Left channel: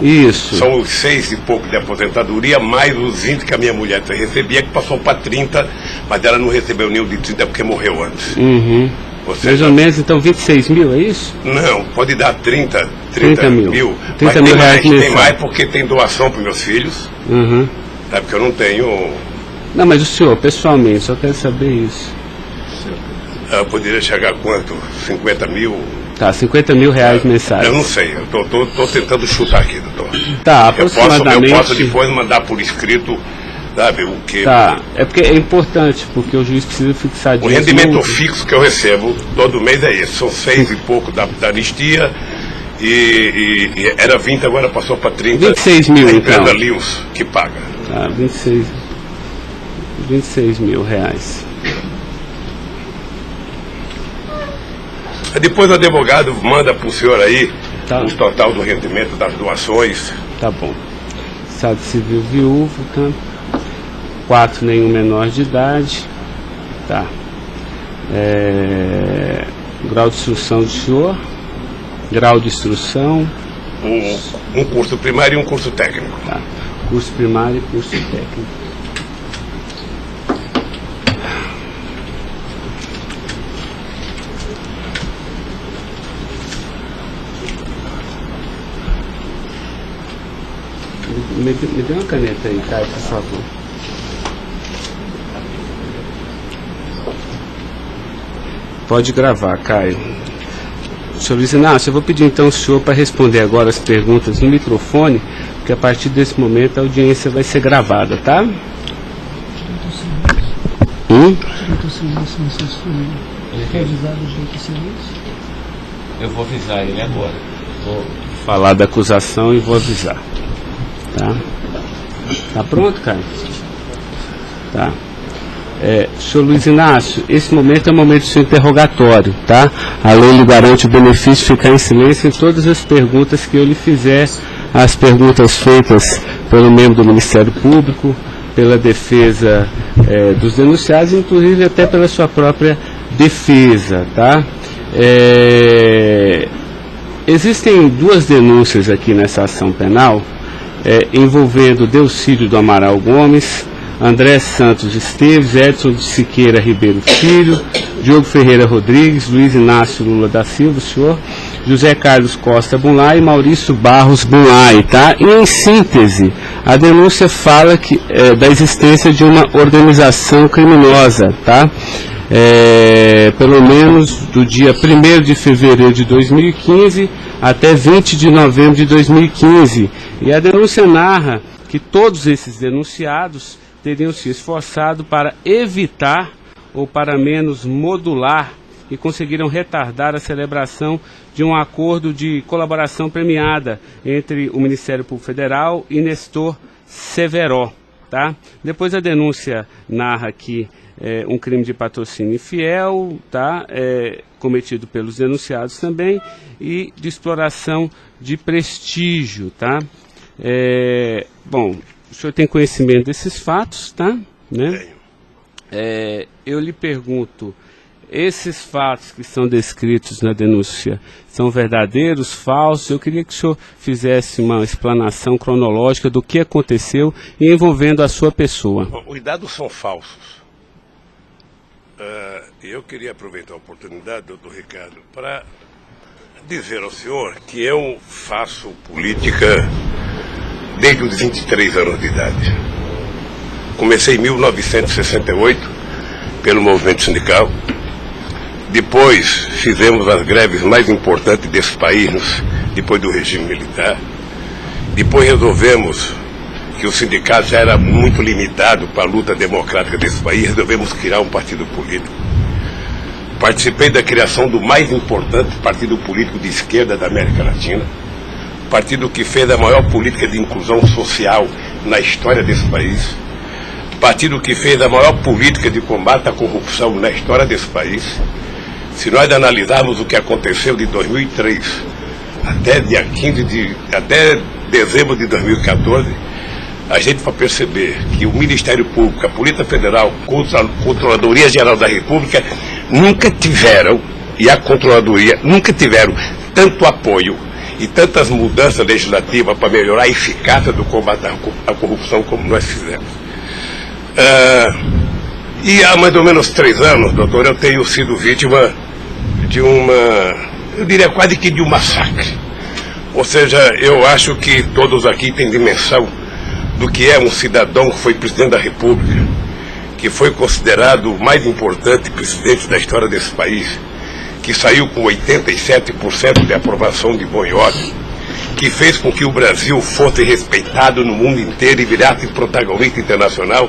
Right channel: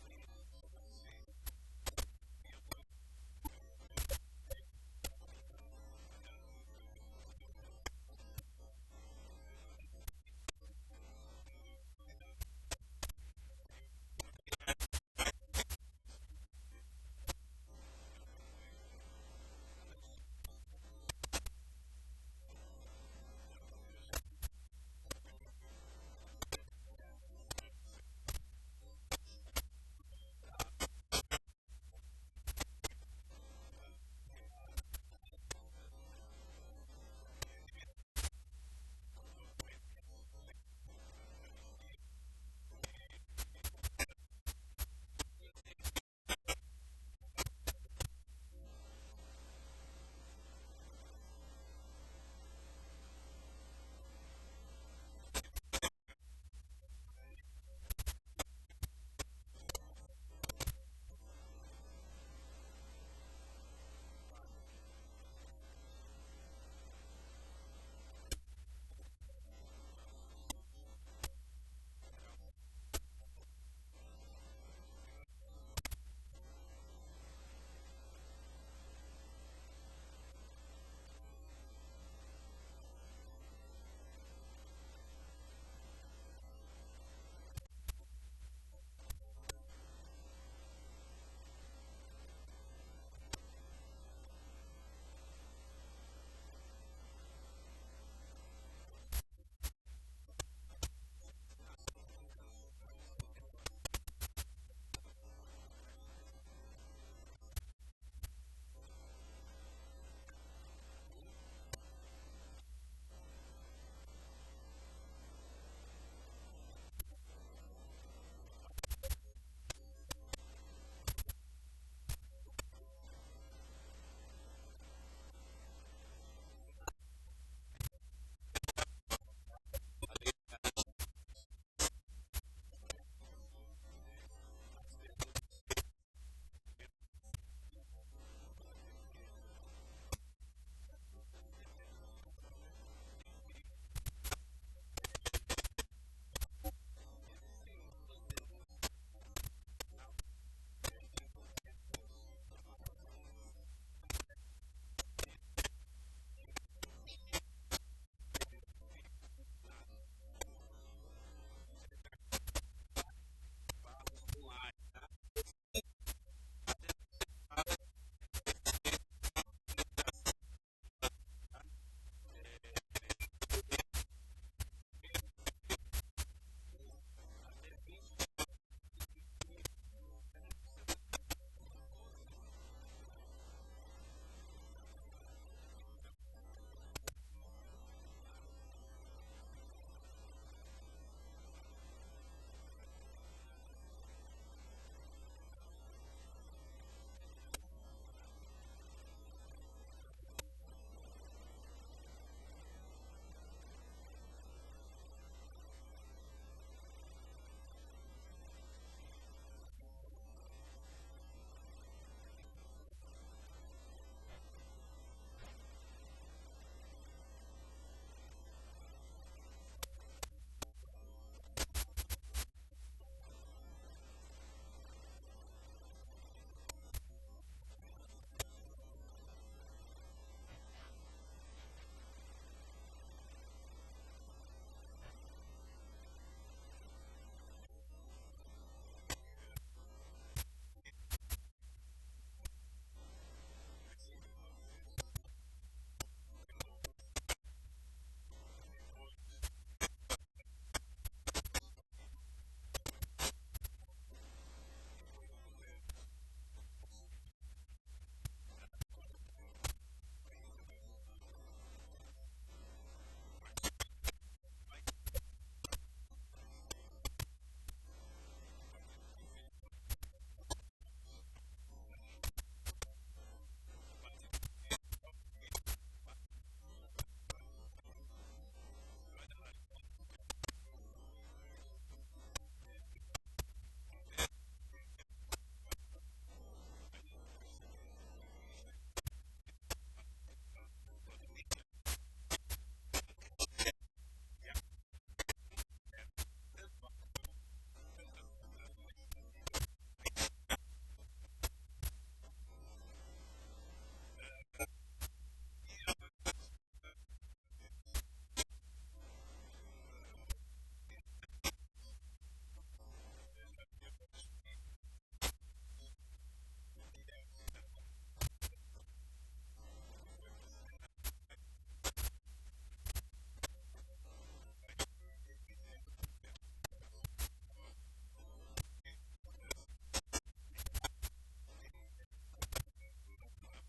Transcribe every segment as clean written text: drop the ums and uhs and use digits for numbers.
Isso. São os 6 e pouco de aposentadoria, mais os 20 que a minha mulher recebia, que passou para 30, mas ela não recebeu nenhum de 30 porque morreu antes. Uhum. Mais ou menos, então, 26 mil, é isso? Não, pode dar 30 mil. 30 mas mil reais tem mensal. mais porque tem doação para meus filhos. Uhum. Tá? Porque eu não tenho... Não, mas o senhor, pessoalmente, só quero saber isso. Eu poderia chegar a quanto? 50 mil? Tá, 50 mil reais mensais. Eu não sei, eu tô tentando chutar aqui, doutor. Tá, aproximadamente... Eu posso depois mandar por escrito, sabe, o que... Tá, é porque é importante, porque o juiz precisa fixar O disso. rendimento fixo que eu recebo todo mês é esse, são 6 e pouco da anistia, e era 20, agora passou para 30. 26 mil, a empresa então. Lewis que paga. Tá, 26 mil reais. Depois o advogado manda para o senhor aí Tá. o total do rendimento das doações. Tá bom. Estado civil viúvo, tá? 4, nenhum menor de idade. Tá. Grau de instrução do senhor. Grau de instrução. Um curso primário e um curso técnico. Tá. Curso primário e curso técnico. Me dê uma caneta aí, Caio, por favor. Pode gravar, Caio. Senhor Luiz Inácio, eu vou pedir então ao senhor para responder agora as perguntas no microfone, porque a partir desse momento a audiência vai ser gravada, tá? Eu vou avisar ele agora. Vou falar da acusação e vou avisar. Tá? Tá pronto, Caio? Tá. Senhor Luiz Inácio, esse momento é o momento do seu interrogatório, tá? A lei lhe garante o benefício de ficar em silêncio em todas as perguntas que eu lhe fizer, as perguntas feitas pelo membro do Ministério Público, pela defesa dos denunciados, inclusive até pela sua própria defesa, tá? Existem 2 denúncias aqui nessa ação penal, envolvendo Delcídio do Amaral Gomes, André Santos Esteves, Edson de Siqueira Ribeiro Filho, Diogo Ferreira Rodrigues, Luiz Inácio Lula da Silva, senhor, José Carlos Costa Bunlai e Maurício Barros Bunlai, tá? E em síntese, a denúncia fala da existência de uma organização criminosa, tá? Pelo menos do dia 1º de fevereiro de 2015 até 20 de novembro de 2015. E a denúncia narra que todos esses denunciados teriam se esforçado para evitar ou para menos modular e conseguiram retardar a celebração de um acordo de colaboração premiada entre o Ministério Público Federal e Nestor Severo, tá? Depois a denúncia narra que um crime de patrocínio infiel, tá? Cometido pelos denunciados também, e de exploração de prestígio, tá? Bom, o senhor tem conhecimento desses fatos, tá? Né? Eu lhe pergunto, esses fatos que são descritos na denúncia são verdadeiros, falsos? Eu queria que o senhor fizesse uma explanação cronológica do que aconteceu e envolvendo a sua pessoa. Os dados são falsos. Eu queria aproveitar a oportunidade, doutor Ricardo, para dizer ao senhor que eu faço política desde os 23 anos de idade. Comecei em 1968 pelo movimento sindical. Depois fizemos as greves mais importantes desse país, depois do regime militar. Depois resolvemos que o sindicato já era muito limitado para a luta democrática desse país, resolvemos criar um partido político. Participei da criação do mais importante partido político de esquerda da América Latina, partido que fez a maior política de inclusão social na história desse país, partido que fez a maior política de combate à corrupção na história desse país. Se nós analisarmos o que aconteceu de 2003 até dezembro de 2014, a gente vai perceber que o Ministério Público, a Polícia Federal, a Controladoria Geral da República nunca tiveram, e a Controladoria nunca tiveram tanto apoio e tantas mudanças legislativas para melhorar a eficácia do combate à corrupção como nós fizemos. E há mais ou menos 3 anos, doutor, eu tenho sido vítima de eu diria quase que de um massacre. Ou seja, eu acho que todos aqui têm dimensão do que é um cidadão que foi presidente da República, que foi considerado o mais importante presidente da história desse país, que saiu com 87% de aprovação de bom e ódio, que fez com que o Brasil fosse respeitado no mundo inteiro e virasse protagonista internacional,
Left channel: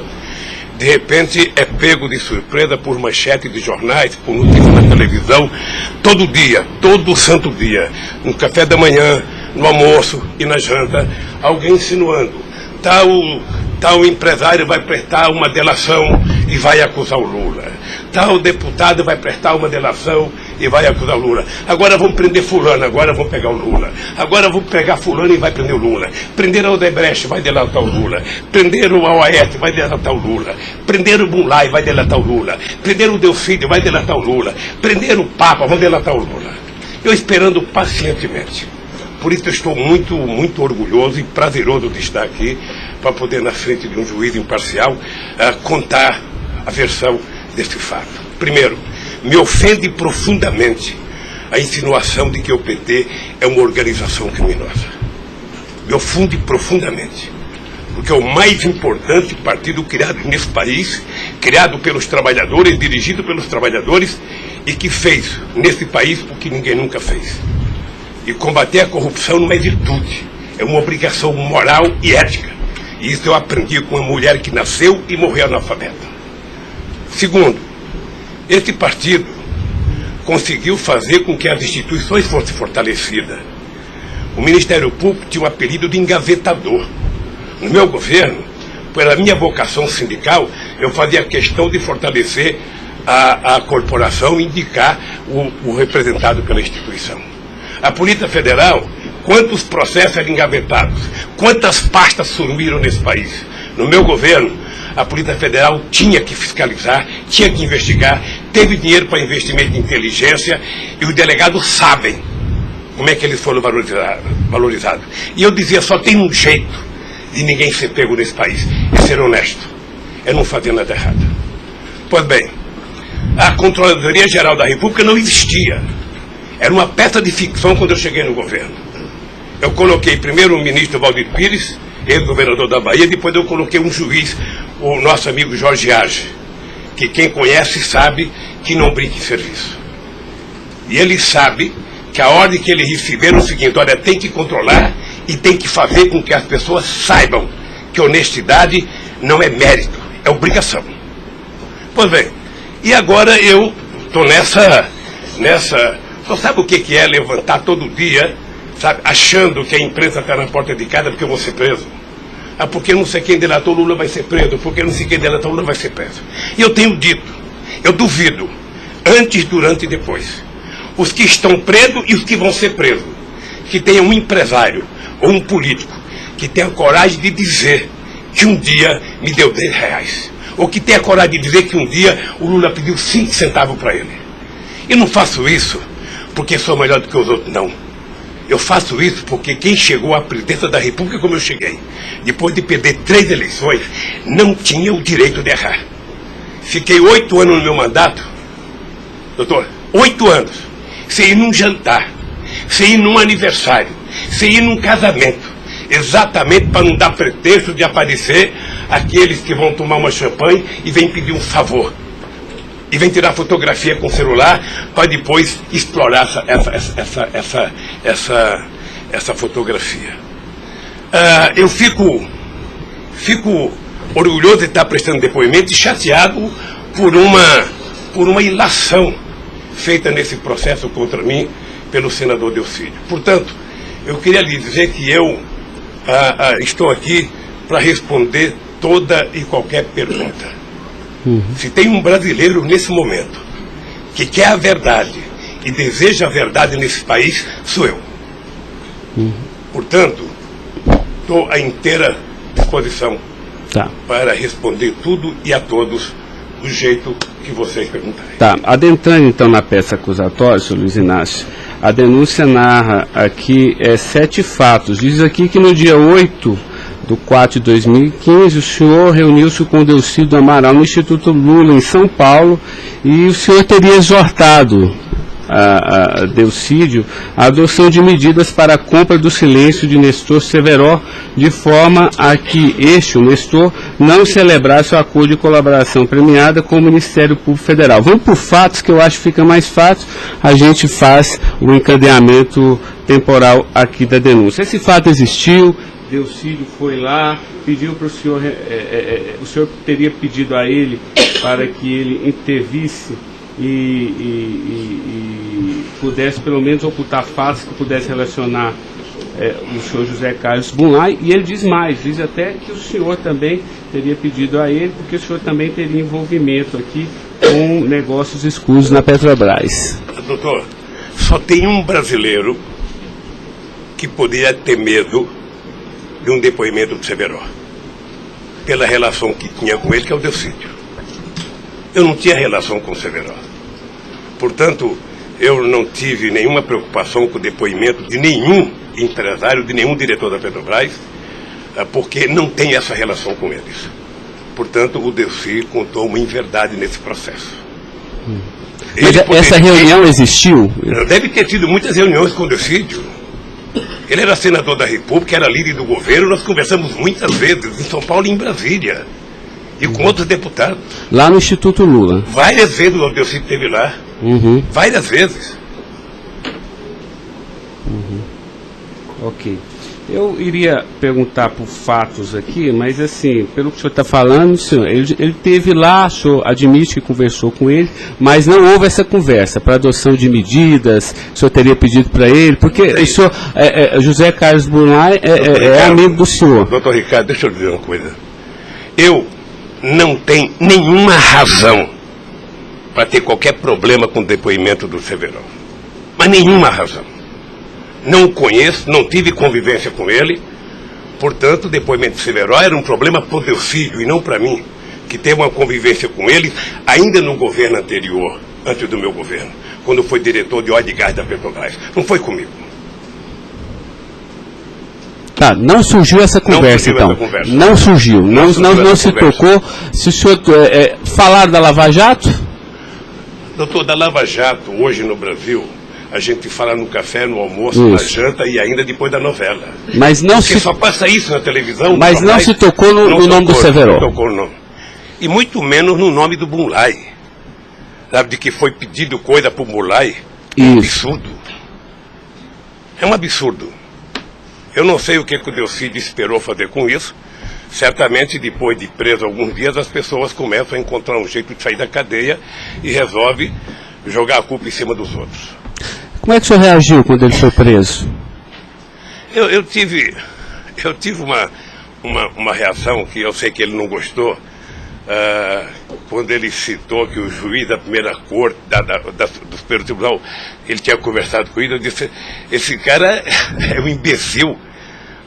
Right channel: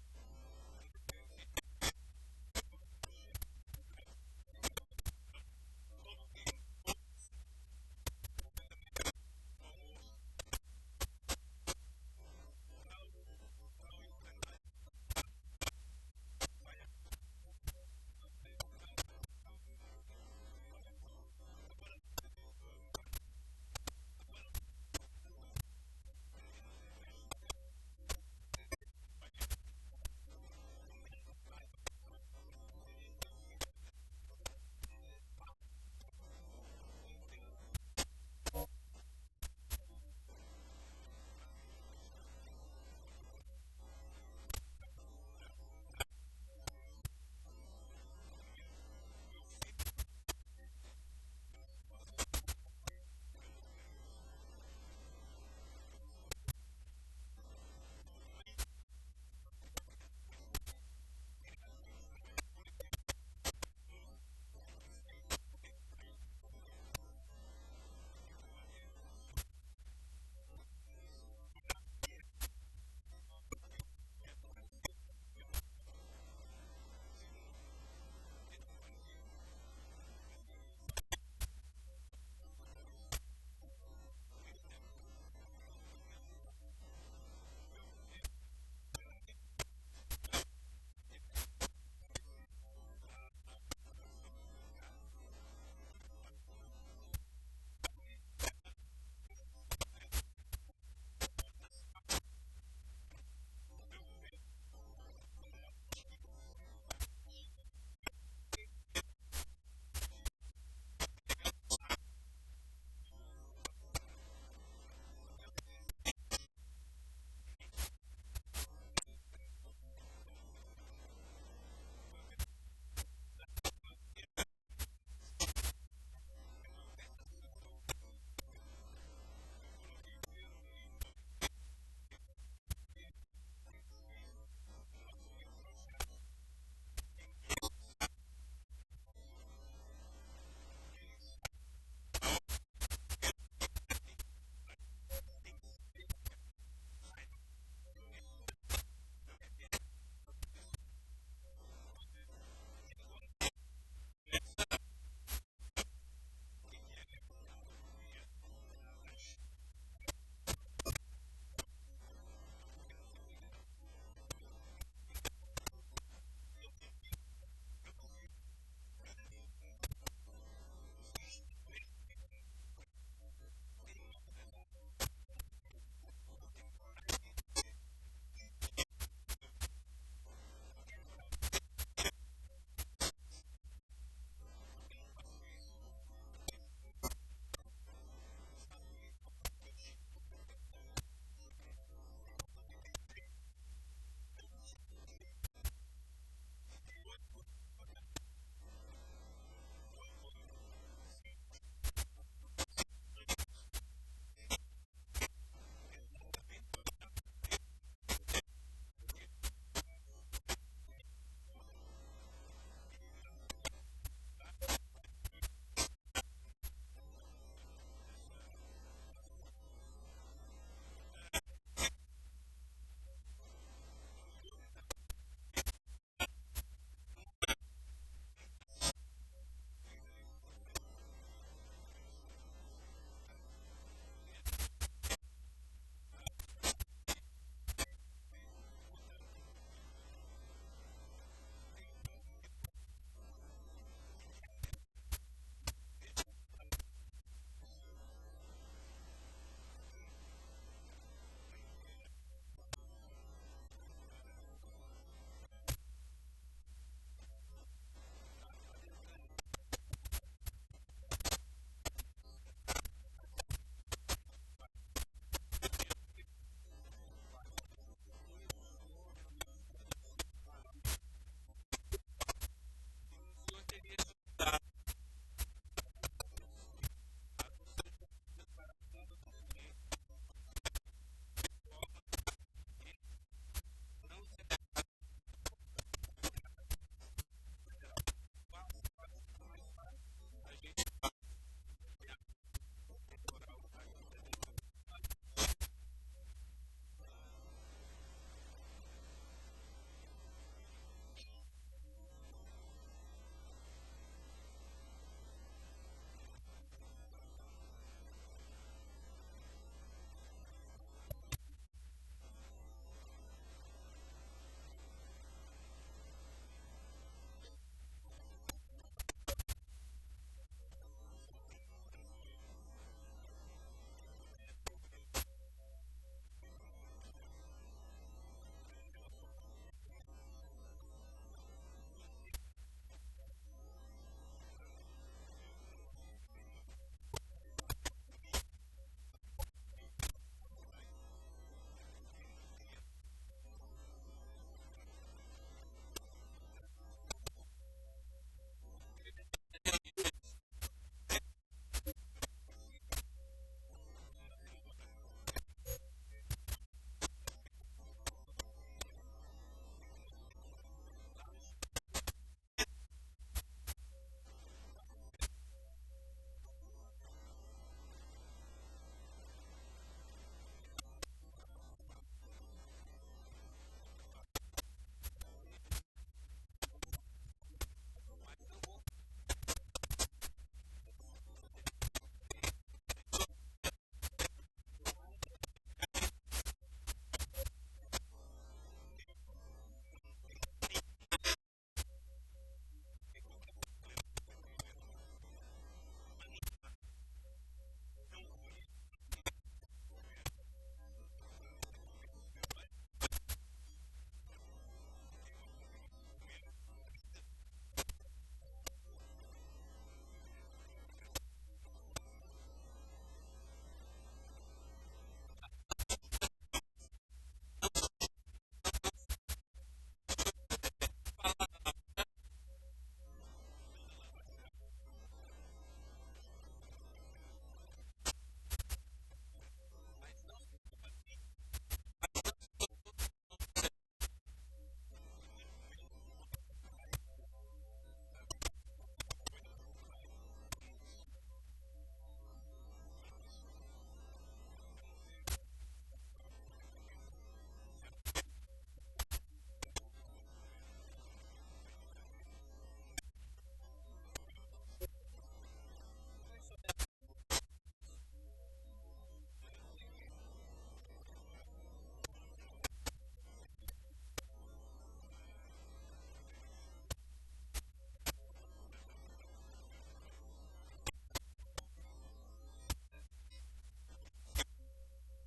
de repente é pego de surpresa por manchete de jornais, por notícias na televisão, todo dia, todo santo dia, no café da manhã, no almoço e na janta, alguém insinuando, tal empresário vai prestar uma delação e vai acusar o Lula. Tal deputado vai prestar uma delação e vai acusar o Lula. Agora vão prender fulano, agora vão pegar o Lula. Agora vão pegar fulano e vai prender o Lula. Prenderam o Odebrecht, vai delatar o Lula. Prenderam o Aoeste, vai delatar o Lula. Prenderam o Bunlai, vai delatar o Lula. Prenderam o Delfídio, vai delatar o Lula. Prenderam o Papa, vão delatar o Lula. Eu esperando pacientemente. Por isso eu estou muito, muito orgulhoso e prazeroso de estar aqui para poder, na frente de um juiz imparcial, contar a versão desse fato. Primeiro, me ofende profundamente a insinuação de que o PT é uma organização criminosa. Me ofende profundamente, porque é o mais importante partido criado nesse país, criado pelos trabalhadores, dirigido pelos trabalhadores, e que fez nesse país o que ninguém nunca fez. E combater a corrupção não é virtude, é uma obrigação moral e ética. E isso eu aprendi com uma mulher que nasceu e morreu analfabeta. Segundo, esse partido conseguiu fazer com que as instituições fossem fortalecidas. O Ministério Público tinha um apelido de engavetador. No meu governo, pela minha vocação sindical, eu fazia questão de fortalecer a corporação e indicar o representado pela instituição. A Polícia Federal, quantos processos eram engavetados, quantas pastas sumiram nesse país. No meu governo, a Polícia Federal tinha que fiscalizar, tinha que investigar, teve dinheiro para investimento em inteligência e os delegados sabem como é que eles foram valorizados. E eu dizia, só tem um jeito de ninguém ser pego nesse país, é ser honesto, é não fazer nada errado. Pois bem, a Controladoria Geral da República não existia. Era uma peça de ficção quando eu cheguei no governo. Eu coloquei primeiro o ministro Valdir Pires, ex-governador da Bahia, depois eu coloquei um juiz, o nosso amigo Jorge Arge, que quem conhece sabe que não brinca em serviço. E ele sabe que a ordem que ele receber é o seguinte, olha, tem que controlar e tem que fazer com que as pessoas saibam que honestidade não é mérito, é obrigação. Pois bem, e agora eu estou nessa... Você sabe o que é levantar todo dia, sabe, achando que a imprensa está na porta de casa porque eu vou ser preso? Ah, porque não sei quem delatou Lula vai ser preso, porque não sei quem delatou Lula vai ser preso. E eu tenho dito, eu duvido, antes, durante e depois, os que estão presos e os que vão ser presos, que tenha um empresário ou um político que tenha coragem de dizer que um dia me deu R$10, ou que tenha coragem de dizer que um dia o Lula pediu 5 centavos para ele. Eu não faço isso porque sou melhor do que os outros, não. Eu faço isso porque quem chegou à presidência da República como eu cheguei, depois de perder 3 eleições, não tinha o direito de errar. Fiquei 8 anos no meu mandato, doutor, 8 anos, sem ir num jantar, sem ir num aniversário, sem ir num casamento, exatamente para não dar pretexto de aparecer aqueles que vão tomar uma champanhe e vêm pedir um favor. E vem tirar fotografia com o celular para depois explorar essa fotografia. Eu fico orgulhoso de estar prestando depoimento e chateado por uma ilação feita nesse processo contra mim pelo senador Delfídio. Portanto, eu queria lhe dizer que eu estou aqui para responder toda e qualquer pergunta. Se tem um brasileiro nesse momento que quer a verdade e deseja a verdade nesse país, sou eu. Portanto, estou à inteira disposição para responder tudo e a todos do jeito que vocês perguntarem. Tá, adentrando então na peça acusatória, senhor Luiz Inácio, A denúncia narra aqui 7 fatos. Diz aqui que no dia 8/4/2015, o senhor reuniu-se com o Delcídio Amaral no Instituto Lula, em São Paulo, e o senhor teria exortado a Delcídio a adoção de medidas para a compra do silêncio de Nestor Severo, de forma a que o Nestor, não celebrasse o acordo de colaboração premiada com o Ministério Público Federal. Vamos por fatos, que eu acho que fica mais fácil, a gente faz o encadeamento temporal aqui da denúncia. Esse fato existiu, Delcídio foi lá, pediu para o senhor, o senhor teria pedido a ele para que ele intervisse e pudesse pelo menos ocultar fatos que pudesse relacionar o senhor José Carlos Bunlai, e ele diz mais, diz até que o senhor também teria pedido a ele, porque o senhor também teria envolvimento aqui com negócios escusos na Petrobras. Doutor, só tem um brasileiro que poderia ter medo de um depoimento do Severo, pela relação que tinha com ele, que é o Delcídio. Eu não tinha relação com o Severo. Portanto, eu não tive nenhuma preocupação com o depoimento de nenhum empresário, de nenhum diretor da Petrobras, porque não tem essa relação com eles. Portanto, o Delcídio contou uma inverdade nesse processo. Mas essa reunião existiu? Deve ter tido muitas reuniões com o Delcídio. Ele era senador da República, era líder do governo, nós conversamos muitas vezes, em São Paulo e em Brasília, e com outros deputados. Lá no Instituto Lula? Várias vezes o Delcídio esteve lá. Várias vezes. Ok. Eu iria perguntar por fatos aqui, mas assim, pelo que o senhor está falando, senhor, ele teve lá, o senhor admite que conversou com ele, mas não houve essa conversa para adoção de medidas, o senhor teria pedido para ele, porque o senhor, José Carlos Bunlai é amigo do senhor. Doutor Ricardo, deixa eu dizer uma coisa. Eu não tenho nenhuma razão para ter qualquer problema com o depoimento do Severo. Mas nenhuma razão. Não o conheço, não tive convivência com ele. Portanto, o depoimento do Severo era um problema para o Delcídio e não para mim, que teve uma convivência com ele ainda no governo anterior, antes do meu governo, quando foi diretor de óleo e gás da Petrobras. Não foi comigo. Tá, não surgiu essa conversa, então. Não surgiu. Não se tocou. Se o senhor falar da Lava Jato? Doutor, da Lava Jato, hoje no Brasil, a gente fala no café, no almoço, na janta e ainda depois da novela. Mas não porque só passa isso na televisão. Mas não se tocou no nome do Severo. Não tocou, não. E muito menos no nome do Bunlai. Sabe, de que foi pedido coisa para o Bunlai? É um absurdo. É um absurdo. Eu não sei o que o Delcídio esperou fazer com isso. Certamente, depois de preso alguns dias, as pessoas começam a encontrar um jeito de sair da cadeia e resolve jogar a culpa em cima dos outros. Como é que o senhor reagiu quando ele foi preso? Eu tive uma reação que eu sei que ele não gostou, quando ele citou que o juiz da primeira corte, do Superior Tribunal, ele tinha conversado com ele. Eu disse, esse cara é um imbecil,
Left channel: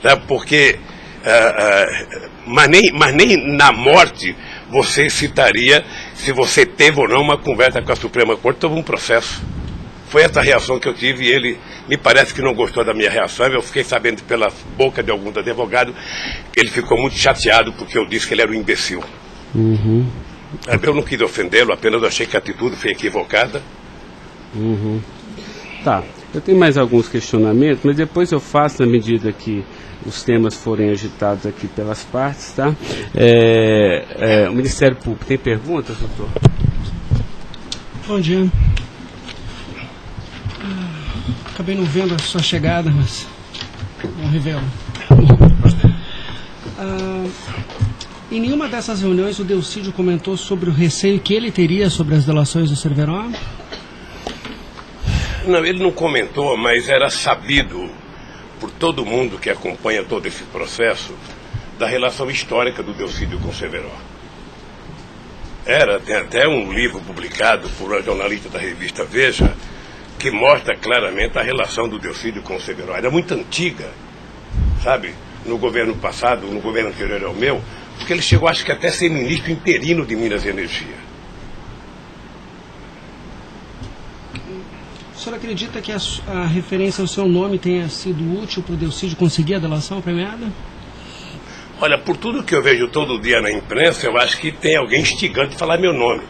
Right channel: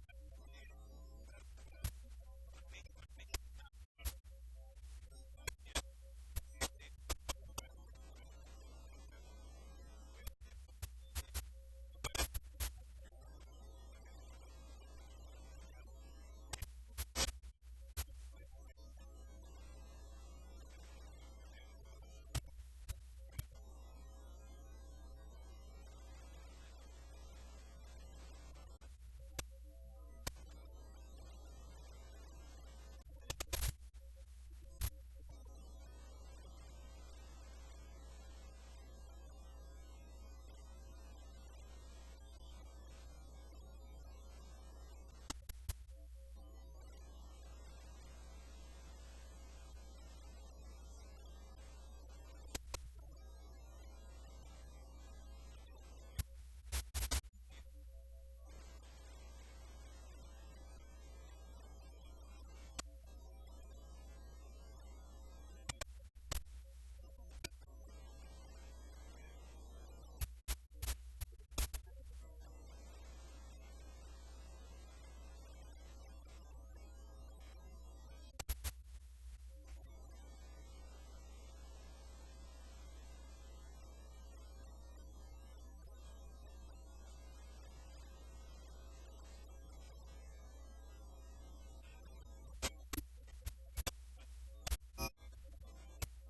tá? Porque mas nem na morte você citaria se você teve ou não uma conversa com a Suprema Corte sobre um processo. Foi essa reação que eu tive, e ele me parece que não gostou da minha reação. Eu fiquei sabendo pela boca de alguns advogados que ele ficou muito chateado porque eu disse que ele era um imbecil. Eu não quis ofendê-lo, apenas achei que a atitude foi equivocada. Tá, eu tenho mais alguns questionamentos, mas depois eu faço na medida que os temas forem agitados aqui pelas partes, tá? O Ministério Público tem perguntas, doutor? Bom dia. Acabei não vendo a sua chegada, mas não revelo. Em nenhuma dessas reuniões o Delcídio comentou sobre o receio que ele teria sobre as delações do Severo? Não, ele não comentou, mas era sabido por todo mundo que acompanha todo esse processo da relação histórica do Delcídio com o Severo. Tem até um livro publicado por uma jornalista da revista Veja que mostra claramente a relação do Delcídio com o Severo. Era muito antiga, sabe? No governo passado, no governo anterior ao meu, porque ele chegou, acho que até a ser ministro interino de Minas e Energia. O senhor acredita que a referência ao seu nome tenha sido útil para o Delcídio conseguir a delação premiada? Olha, por tudo que eu vejo todo dia na imprensa, eu acho que tem alguém instigando a falar meu nome.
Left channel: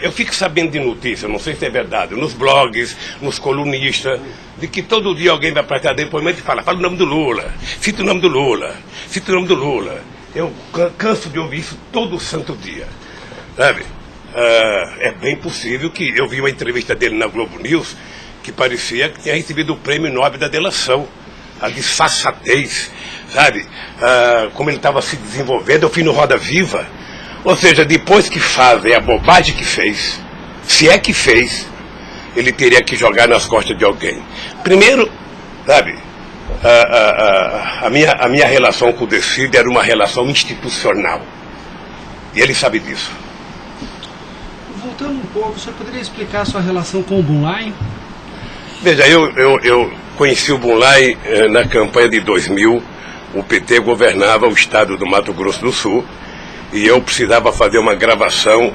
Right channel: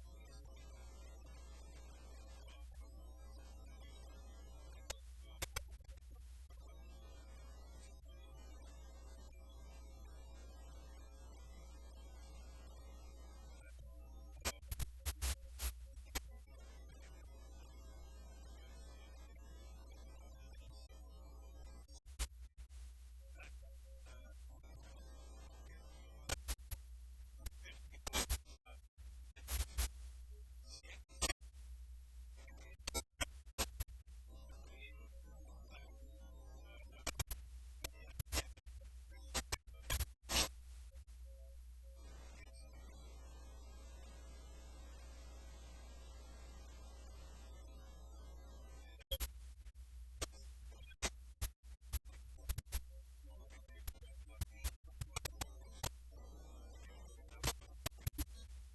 Eu fico sabendo de notícia, não sei se é verdade, nos blogs, nos colunistas, de que todo dia alguém vai para cá depoimento e fala o nome do Lula, cita o nome do Lula, cita o nome do Lula. Eu canso de ouvir isso todo santo dia, sabe? É bem possível que eu vi uma entrevista dele na Globo News que parecia que tinha recebido o prêmio Nobel da delação, a disfarçatez, sabe? Como ele estava se desenvolvendo, eu fui no Roda Viva. Ou seja, depois que fazem a bobagem que fez, se é que fez, ele teria que jogar nas costas de alguém. Primeiro, sabe, a minha relação com o Delcídio era uma relação institucional. E ele sabe disso. Voltando um pouco, o senhor poderia explicar a sua relação com o Bunlai? Veja, eu conheci o Bunlai na campanha de 2000. O PT governava o estado do Mato Grosso do Sul. E eu precisava fazer uma gravação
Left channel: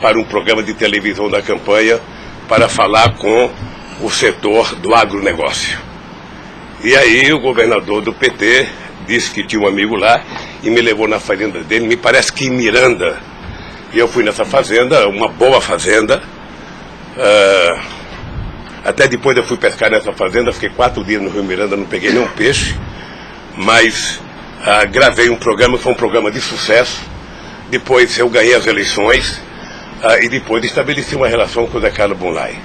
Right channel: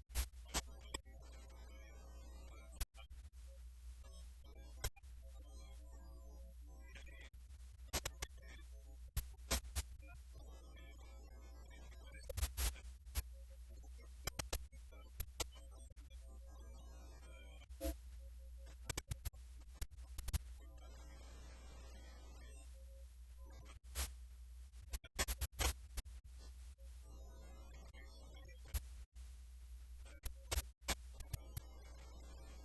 para um programa de televisão da campanha para falar com o setor do agronegócio. E aí o governador do PT disse que tinha um amigo lá e me levou na fazenda dele, me parece que em Miranda. E eu fui nessa fazenda, uma boa fazenda. Até depois eu fui pescar nessa fazenda, fiquei 4 dias no Rio Miranda, não peguei nenhum peixe. Mas gravei um programa, foi um programa de sucesso. Depois eu ganhei as eleições e depois estabeleci uma relação com o Zé Carlos Bunlai.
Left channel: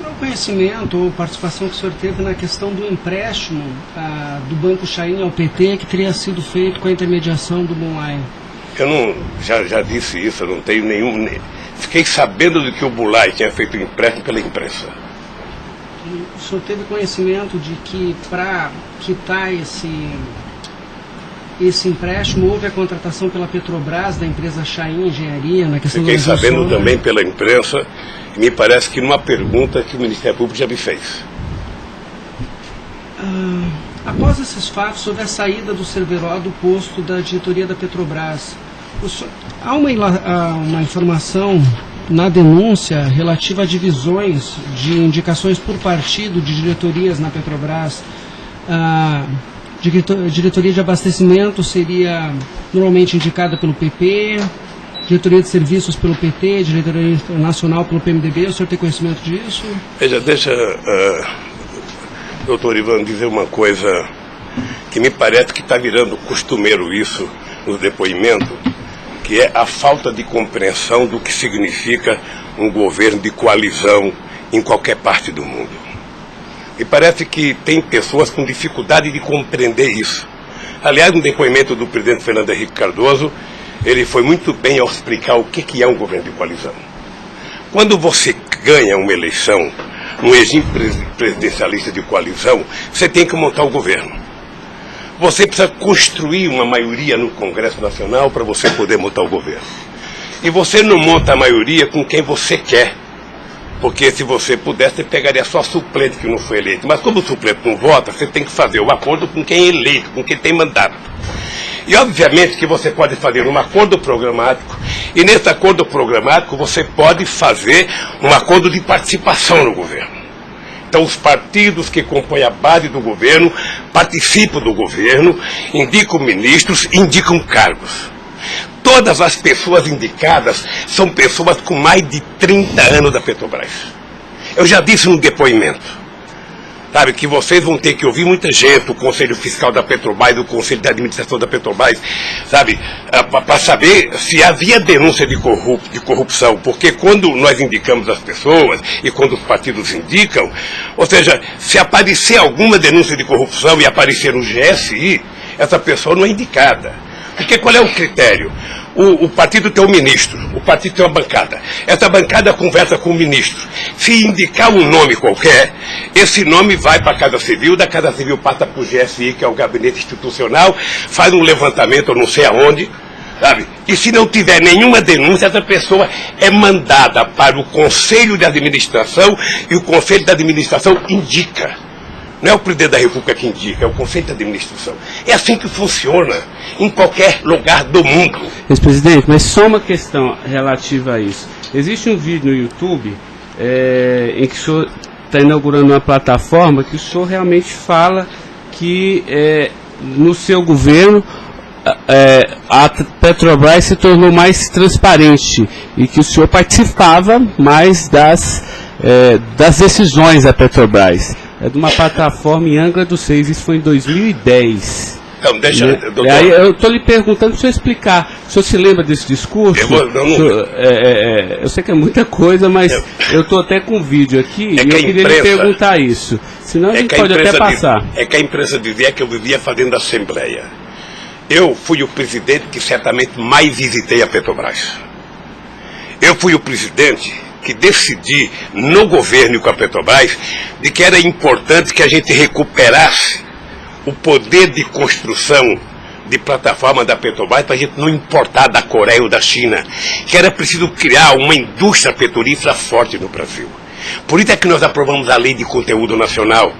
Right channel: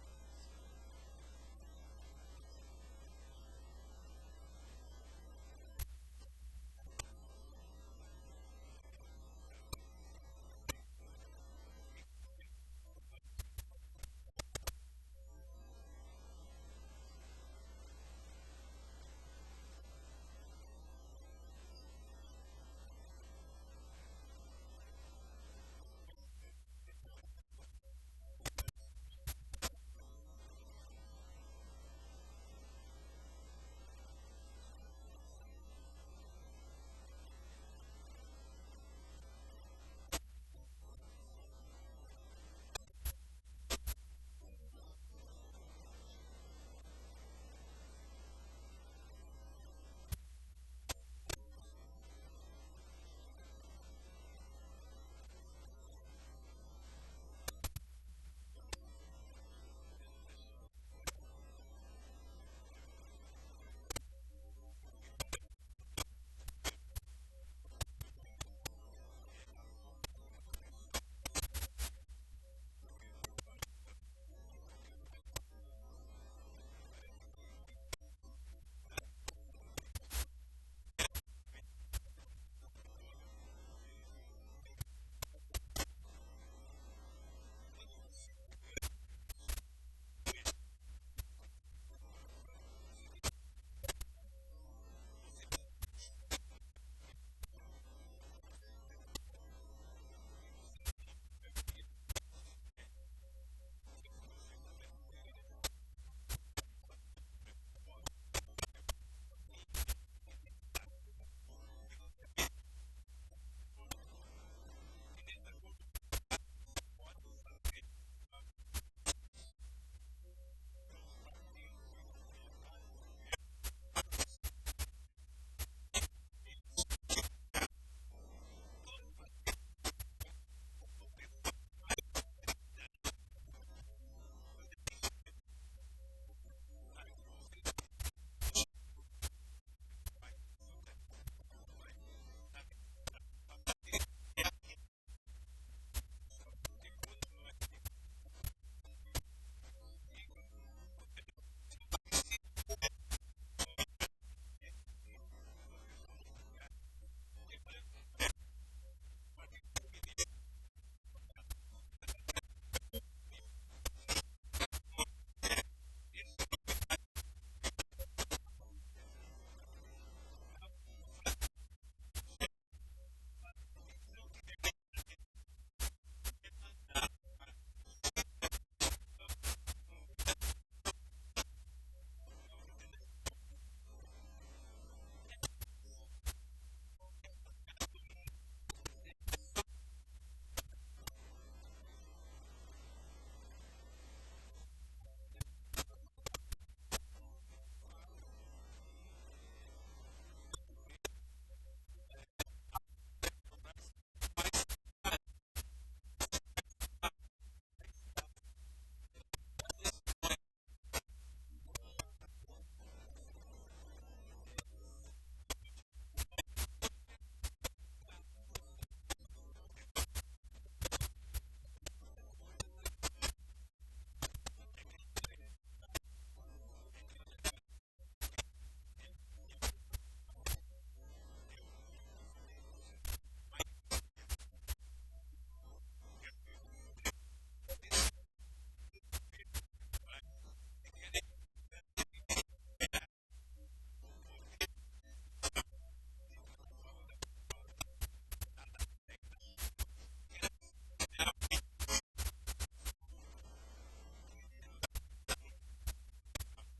Qual o conhecimento ou participação que o senhor teve na questão do empréstimo do Banco Chain ao PT que teria sido feito com a intermediação do Bunlai? Eu não, já disse isso, eu não tenho nenhum... Fiquei sabendo de que o Bunlai tinha feito o empréstimo pela imprensa. O senhor teve conhecimento de que para quitar esse empréstimo, houve a contratação pela Petrobras, da empresa Chain Engenharia, na questão Fiquei da sabendo também pela imprensa, e me parece que numa pergunta que o Ministério Público já me fez. Após esses fatos, houve a saída do Cerveró do posto da diretoria da Petrobras. Há uma informação na denúncia relativa a divisões de indicações por partido de diretorias na Petrobras. Diretoria de abastecimento seria normalmente indicada pelo PP, diretoria de serviços pelo PT, diretoria nacional pelo PMDB. O senhor tem conhecimento disso? Veja, deixa, doutor Ivan, dizer uma coisa que me parece que está virando costumeiro isso no depoimento, que é a falta de compreensão do que significa um governo de coalizão em qualquer parte do mundo. E parece que tem pessoas com dificuldade de compreender isso. Aliás, no depoimento do presidente Fernando Henrique Cardoso, ele foi muito bem ao explicar o que é um governo de coalizão. Quando você ganha uma eleição, um regime presidencialista de coalizão, você tem que montar o governo. Você precisa construir uma maioria no Congresso Nacional para você poder montar o governo. E você não monta a maioria com quem você quer. Porque se você pudesse, você pegaria só suplente que não foi eleito. Mas como o suplente não vota, você tem que fazer um acordo com quem é eleito, com quem tem mandato. E obviamente que você pode fazer um acordo programático, e nesse acordo programático você pode fazer um acordo de participação no governo. Então os partidos que compõem a base do governo participam do governo, indicam ministros, indicam cargos. Todas as pessoas indicadas são pessoas com mais de 30 anos da Petrobras. Eu já disse no depoimento, sabe, que vocês vão ter que ouvir muita gente, o Conselho Fiscal da Petrobras, o Conselho de Administração da Petrobras, sabe, para saber se havia denúncia de corrupção, porque quando nós indicamos as pessoas e quando os partidos indicam, ou seja, se aparecer alguma denúncia de corrupção e aparecer no GSI, essa pessoa não é indicada. Porque qual é o critério? O partido tem um ministro, o partido tem uma bancada. Essa bancada conversa com o ministro. Se indicar um nome qualquer, esse nome vai para a Casa Civil, da Casa Civil passa para o GSI, que é o Gabinete Institucional, faz um levantamento, eu não sei aonde, sabe? E se não tiver nenhuma denúncia, essa pessoa é mandada para o Conselho de Administração e o Conselho de Administração indica. Não é o presidente da República que indica, é o Conselho de Administração. É assim que funciona em qualquer lugar do mundo. Ex-presidente, mas só uma questão relativa a isso. Existe um vídeo no YouTube em que o senhor está inaugurando uma plataforma que o senhor realmente fala que no seu governo a Petrobras se tornou mais transparente e que o senhor participava mais das decisões da Petrobras. É de uma plataforma em Angra dos Reis, isso foi em 2010. Então, deixa, doutor. Aí eu estou lhe perguntando para o senhor explicar. O senhor se lembra desse discurso? Eu sei que é muita coisa, mas eu estou até com um vídeo aqui e eu queria lhe perguntar isso. Senão a gente pode até passar. É que a imprensa dizia que eu vivia fazendo assembleia. Eu fui o presidente que certamente mais visitei a Petrobras. Eu fui o presidente que decidi no governo e com a Petrobras de que era importante que a gente recuperasse o poder de construção de plataforma da Petrobras para a gente não importar da Coreia ou da China, que era preciso criar uma indústria petrolífera forte no Brasil. Por isso é que nós aprovamos a Lei de Conteúdo Nacional.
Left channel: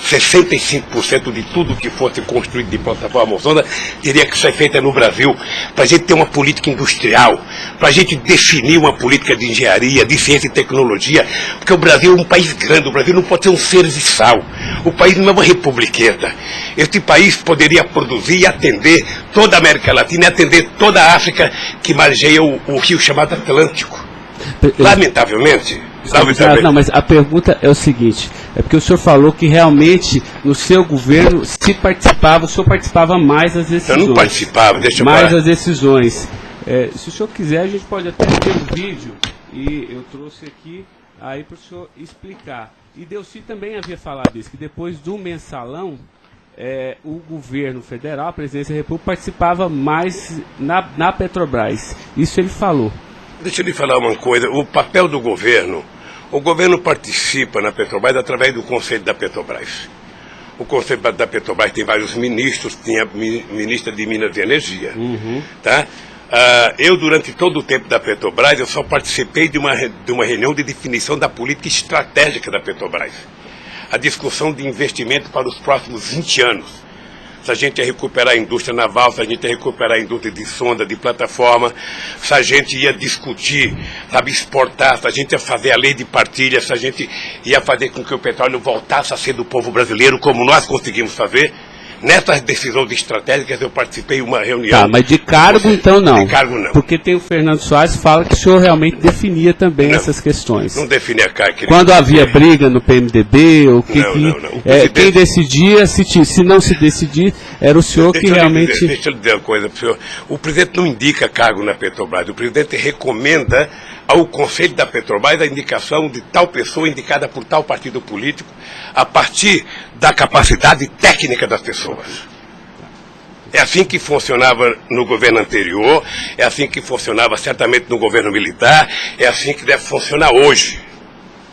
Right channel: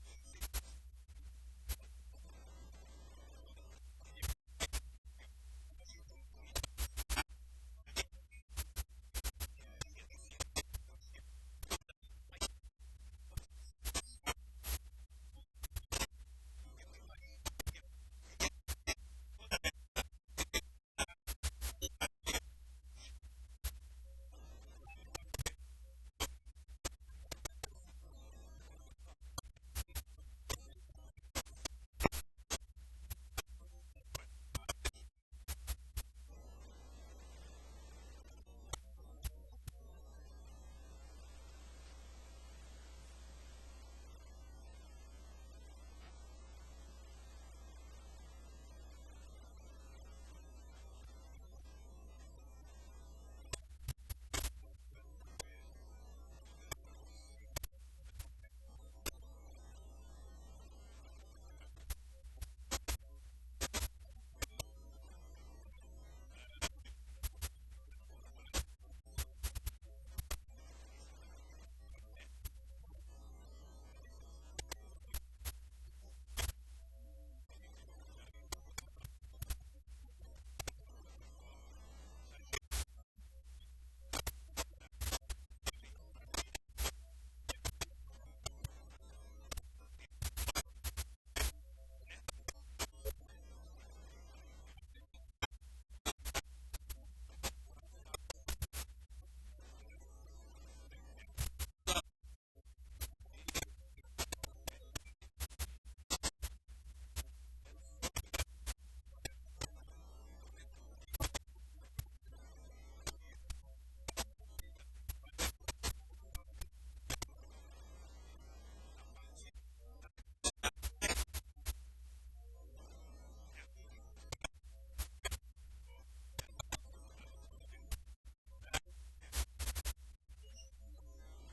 65% de tudo que fosse construído de plataforma sonda teria que ser feita no Brasil, para a gente ter uma política industrial, para a gente definir uma política de engenharia, de ciência e tecnologia, porque o Brasil é um país grande, o Brasil não pode ser um serviçal, o país não é uma republiqueta. Este país poderia produzir e atender toda a América Latina e atender toda a África que margeia o rio chamado Atlântico. Lamentavelmente. Não, mas a pergunta é o seguinte, é porque o senhor falou que realmente no seu governo, se participava, o senhor participava mais das decisões. Eu não participava, deixa eu mais falar. as decisões. Se o senhor quiser, a gente pode até ter um vídeo, e eu trouxe aqui aí para o senhor explicar. E Delcy também havia falado isso, que depois do mensalão, o governo federal, a presidência da República, participava mais na Petrobras. Isso ele falou. Deixa eu lhe falar uma coisa, o papel do governo, o governo participa na Petrobras através do Conselho da Petrobras. O Conselho da Petrobras tem vários ministros, tinha ministra de Minas e Energia. Tá? Eu, durante todo o tempo da Petrobras, eu só participei de uma reunião de definição da política estratégica da Petrobras. A discussão de investimento para os próximos 20 anos. Se a gente ia recuperar a indústria naval, se a gente ia recuperar a indústria de sonda, de plataforma, se a gente ia discutir, sabe, exportar, se a gente ia fazer a lei de partilha, se a gente ia fazer com que o petróleo voltasse a ser do povo brasileiro, como nós conseguimos fazer. Nessas decisões estratégicas eu participei de uma reunião. Tá, mas de cargo então não. De cargo não. Porque tem o Fernando Soares que fala que o senhor realmente definia também essas questões. Não definia cargo. Quando havia briga no PMDB, ou não. Quem decidia, se não se decidir, era o senhor que realmente... Deixa eu lhe dizer uma coisa para o senhor. O presidente não indica cargo na Petrobras. O presidente recomenda ao Conselho da Petrobras a indicação de tal pessoa indicada por tal partido político a partir da capacidade técnica das pessoas. É assim que funcionava no governo anterior, é assim que funcionava certamente no governo militar, é assim que deve funcionar hoje.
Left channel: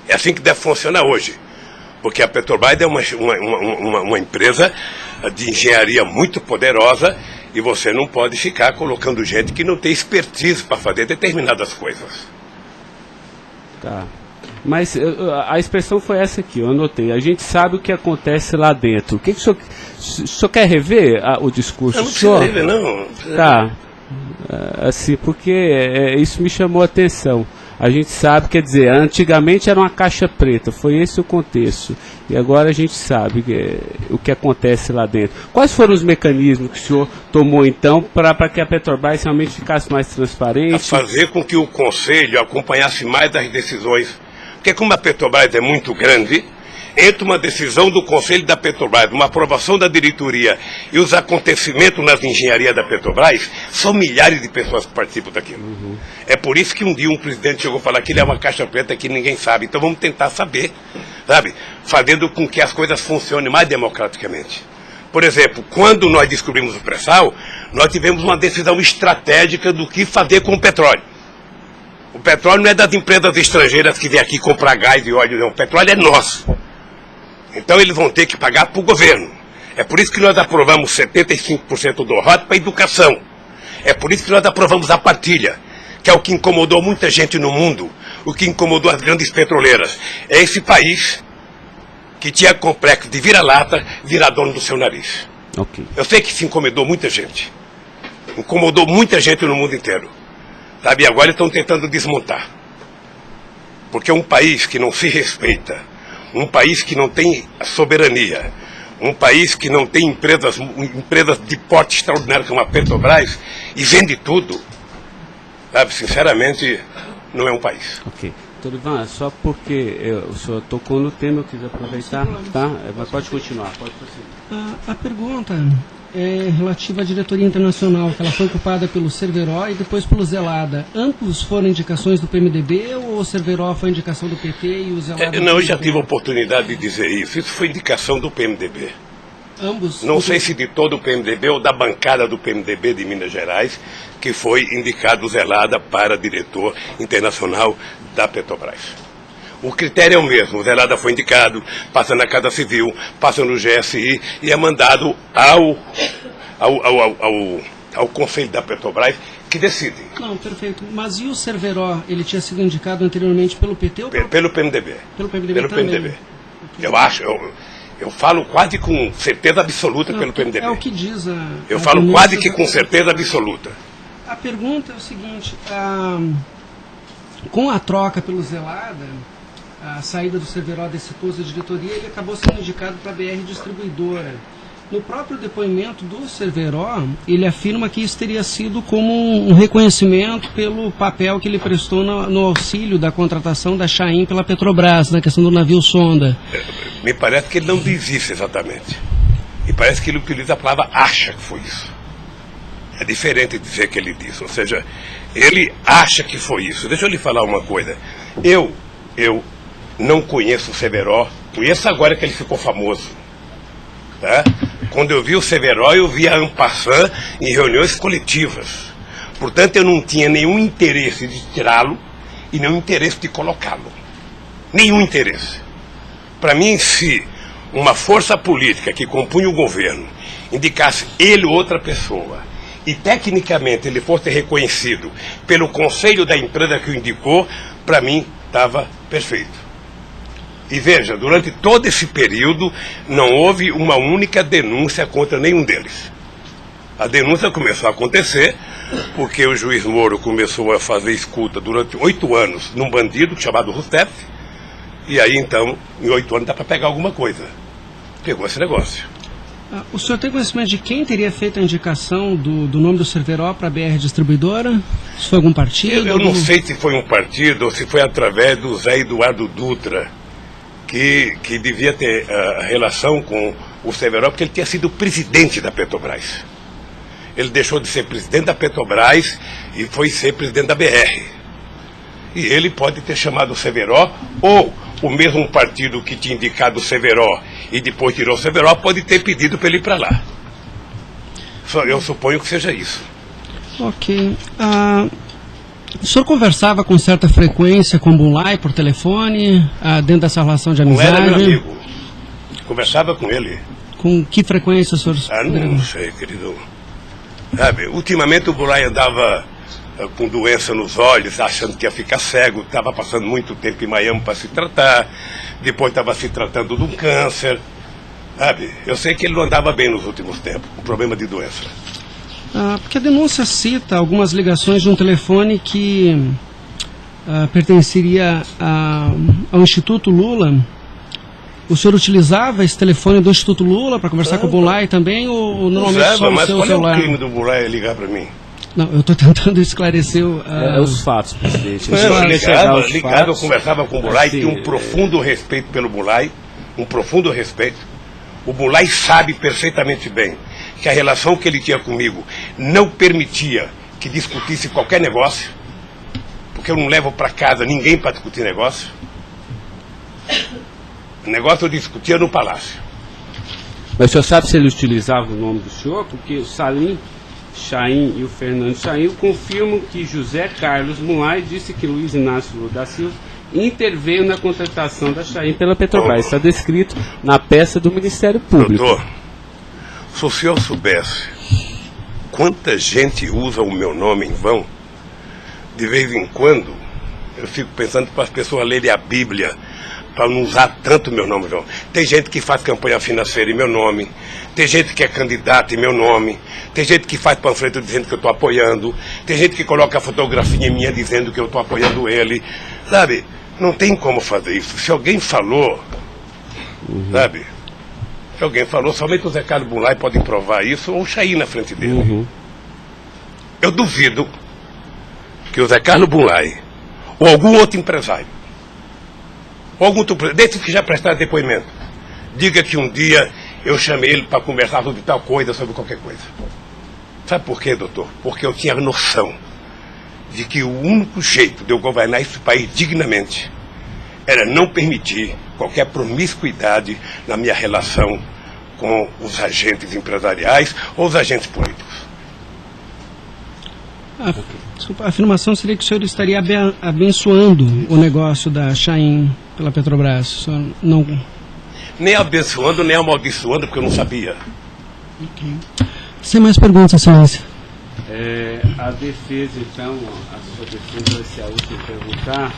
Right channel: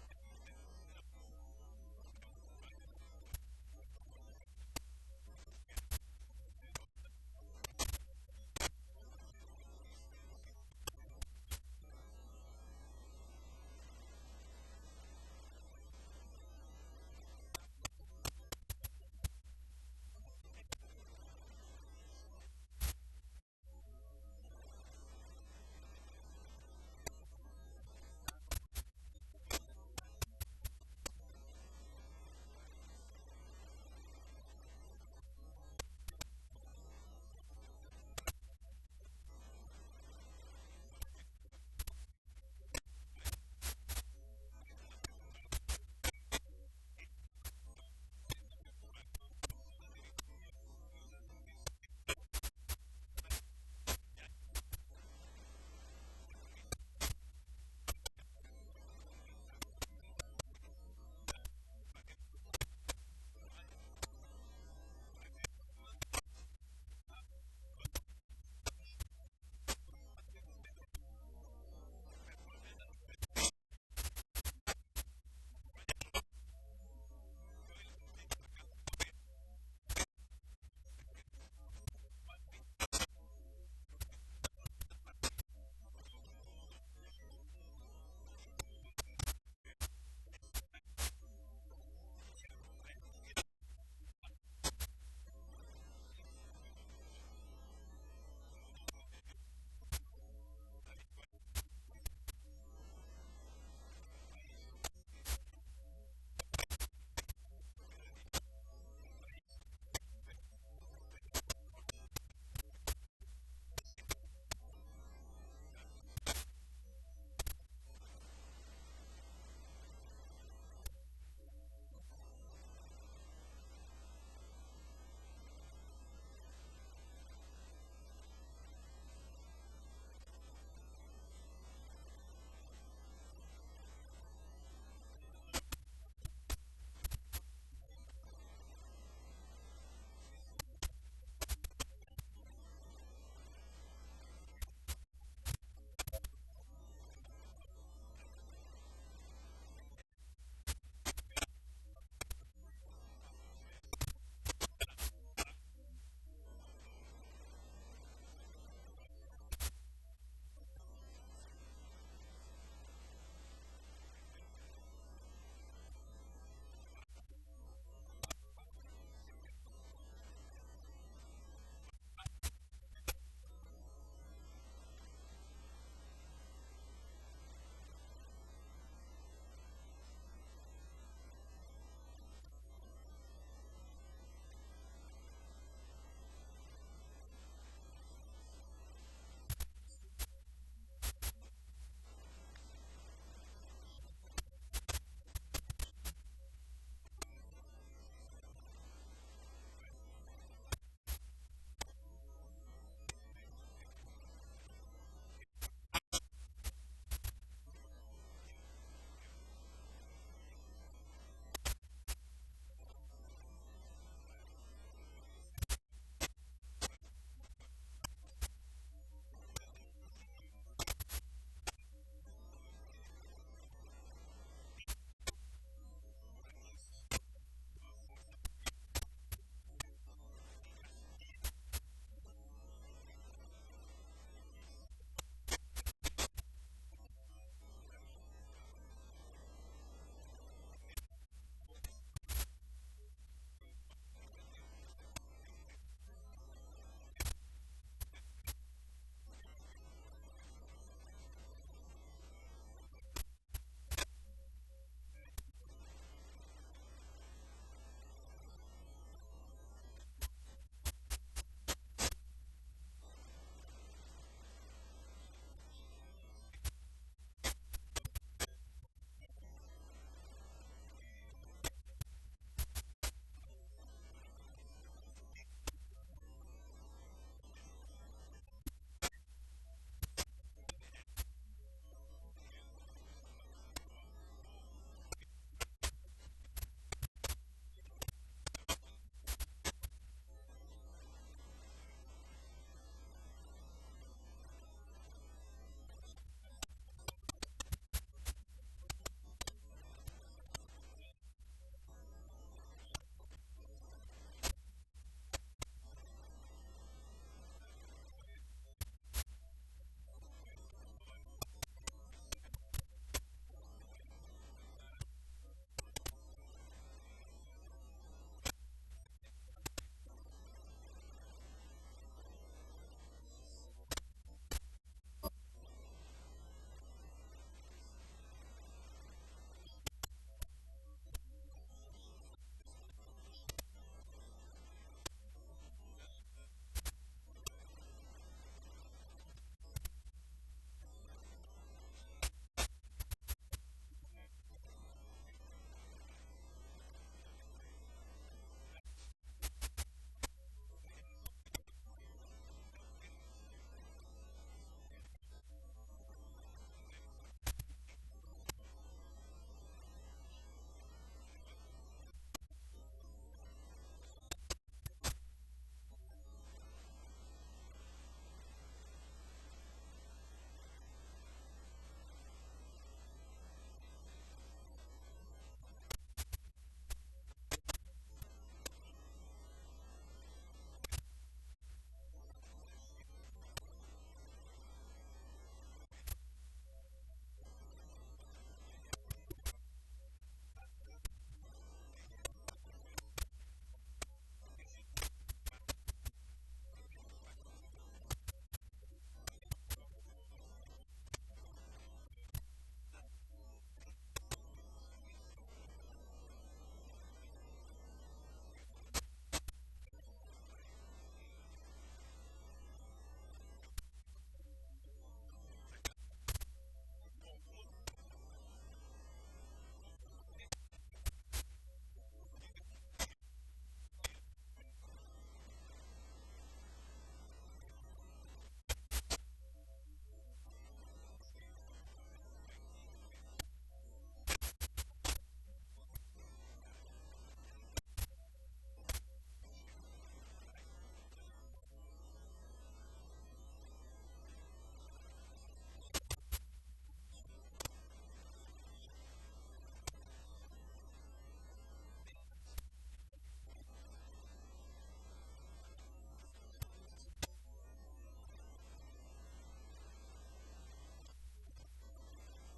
É assim que deve funcionar hoje. Porque a Petrobras é uma empresa de engenharia muito poderosa e você não pode ficar colocando gente que não tem expertise para fazer determinadas coisas. Tá. Mas a expressão foi essa aqui, eu anotei. A gente sabe o que acontece lá dentro. O que o senhor quer rever o discurso? Eu não preciso rever, não. Tá. Assim, porque isso me chamou a atenção. A gente sabe, quer dizer, antigamente era uma caixa preta, foi esse o contexto. E agora a gente sabe o que acontece lá dentro. Quais foram os mecanismos que o senhor tomou, então, para que a Petrobras realmente ficasse mais transparente? A fazer com que o Conselho acompanhasse mais as decisões. Porque como a Petrobras é muito grande, entre uma decisão do Conselho da Petrobras, uma aprovação da diretoria e os acontecimentos nas engenharias da Petrobras, são milhares de pessoas que participam daquilo. É por isso que um dia um presidente chegou a falar que ele é uma caixa preta que ninguém sabe. Então vamos tentar saber, sabe? Fazendo com que as coisas funcionem mais democraticamente. Por exemplo, quando nós descobrimos o pré-sal, nós tivemos uma decisão estratégica do que fazer com o petróleo. O petróleo não é das empresas estrangeiras que vêm aqui comprar gás e óleo, não. O petróleo é nosso. Então eles vão ter que pagar para o governo. É por isso que nós aprovamos 75% do ROT para a educação. É por isso que nós aprovamos a partilha, que é o que incomodou muita gente no mundo, o que incomodou as grandes petroleiras. É esse país que tinha complexo de vira-lata, virar dono do seu nariz. Ok. Eu sei que isso incomodou muita gente. Incomodou muita gente no mundo inteiro. Sabe, e agora estão tentando desmontar. Porque um país que não se respeita, um país que não tem soberania, um país que não tem empresas de porte extraordinário como a Petrobras e vende tudo, sabe, sinceramente, não é um país. Ok. Doutor Ivan, só porque o senhor tocou no tema, eu quis aproveitar, tá? Mas pode continuar, pode prosseguir. A pergunta é relativa à diretoria internacional, que ela foi ocupada pelo Cerveró e depois pelo Zelada. Ambos foram indicações do PMDB ou o Cerveró foi indicação do PT e o Zelada... Não, eu já tive a oportunidade de dizer isso. Isso foi indicação do PMDB. Ambos? Não sei se de todo o PMDB ou da bancada do PMDB de Minas Gerais, que foi indicado o Zelada para diretor internacional da Petrobras. O critério é o mesmo. O Zelada foi indicado, passa na Casa Civil, passa no GSI e é mandado ao Conselho da Petrobras, que decide. Não, perfeito. Mas e o Cerveró? Ele tinha sido indicado anteriormente pelo PT ou Pelo PMDB. Pelo PMDB Pelo também. PMDB. Eu acho, eu falo quase com certeza absoluta pelo PMDB. É o que diz a... Eu falo quase que com certeza absoluta. A pergunta é o seguinte, com a troca pelo Zelada, a saída do Cerveró desse posto de diretoria, ele acabou sendo indicado para a BR Distribuidora. No próprio depoimento do Cerveró, ele afirma que isso teria sido como um reconhecimento pelo papel que ele prestou no auxílio da contratação da Chaim pela Petrobras, na questão do navio sonda. Me parece que ele não diz isso exatamente. Me parece que ele utiliza a palavra acha que foi isso. É diferente de dizer que ele disse. Ou seja, ele acha que foi isso. Deixa eu lhe falar uma coisa. Eu não conheço o Cerveró. Conheço agora que ele ficou famoso. Tá? Quando eu vi o Cerveró, eu vi a en passant em reuniões coletivas. Portanto, eu não tinha nenhum interesse de tirá-lo e nenhum interesse de colocá-lo. Nenhum interesse. Para mim, se uma força política que compunha o governo indicasse ele ou outra pessoa e tecnicamente ele fosse reconhecido pelo conselho da empresa que o indicou, para mim estava perfeito. E veja, durante todo esse período não houve uma única denúncia contra nenhum deles. A denúncia começou a acontecer porque o juiz Moro começou a fazer escuta durante 8 anos num bandido chamado Rousseff, e aí então, em 8 anos dá para pegar alguma coisa. Pegou esse negócio. O senhor tem conhecimento de quem teria feito a indicação do nome do Cerveró para a BR Distribuidora? Se foi algum partido? Eu não sei se foi um partido ou se foi através do Zé Eduardo Dutra, que devia ter relação com o Cerveró, porque ele tinha sido presidente da Petrobras. Ele deixou de ser presidente da Petrobras e foi ser presidente da BR. E ele pode ter chamado o Cerveró, ou o mesmo partido que tinha indicado o Cerveró e depois tirou o Cerveró pode ter pedido para ele ir para lá. Eu suponho que seja isso. Ok. O senhor conversava com certa frequência com o Bulay por telefone, dentro dessa relação de amizade? Não era meu amigo. Conversava com ele. Com que frequência o senhor... Não sei, querido. Sabe, ultimamente o Bulay andava com doença nos olhos, achando que ia ficar cego, estava passando muito tempo em Miami para se tratar, depois estava se tratando de um câncer. Sabe, eu sei que ele não andava bem nos últimos tempos, com problema de doença. Porque a denúncia cita algumas ligações de um telefone que pertenceria ao Instituto Lula. O senhor utilizava esse telefone do Instituto Lula para conversar com o Bulay também, ou normalmente só no mas seu qual celular? é o crime do Bulay ligar para mim? Não, eu estou tentando esclarecer os fatos, presidente. Eu ligava, eu conversava com o Bulay, assim, tinha um profundo respeito pelo Bulay, um profundo respeito. O Bulay sabe perfeitamente bem que a relação que ele tinha comigo não permitia que discutisse qualquer negócio, porque eu não levo para casa ninguém para discutir negócio. O negócio eu discutia no palácio. Mas o senhor sabe se ele utilizava o nome do senhor? Porque o Salim Chaim e o Fernando Chaim confirmam que José Carlos Mulay disse que Luiz Inácio Lula da Silva interveio na contratação da Chaim pela Petrobras. Está descrito na peça do Ministério Público. Doutor, se o senhor soubesse quanta gente usa o meu nome em vão, de vez em quando eu fico pensando para as pessoas lerem a Bíblia para não usar tanto meu nome, João. Tem gente que faz campanha financeira em meu nome, tem gente que é candidato em meu nome, tem gente que faz panfleto dizendo que eu estou apoiando, tem gente que coloca a fotografia minha dizendo que eu estou apoiando ele, sabe? Não tem como fazer isso. Se alguém falou, sabe? Se alguém falou, somente o Zé Carlos Bunlai pode provar isso, ou o Chaí na frente dele. Eu duvido que o Zé Carlos Bunlai, ou algum outro empresário, ou algum outro, desses que já prestaram depoimento, diga que um dia eu chamei ele para conversar sobre tal coisa, sobre qualquer coisa. Sabe por quê, doutor? Porque eu tinha noção de que o único jeito de eu governar esse país dignamente era não permitir qualquer promiscuidade na minha relação com os agentes empresariais ou os agentes políticos. A afirmação seria que o senhor estaria abençoando o negócio da Chaim pela Petrobras. O senhor não... Nem abençoando, nem amaldiçoando, porque eu não sabia. Sem mais perguntas, excelência. A defesa, então, a sua defesa vai ser a última a perguntar.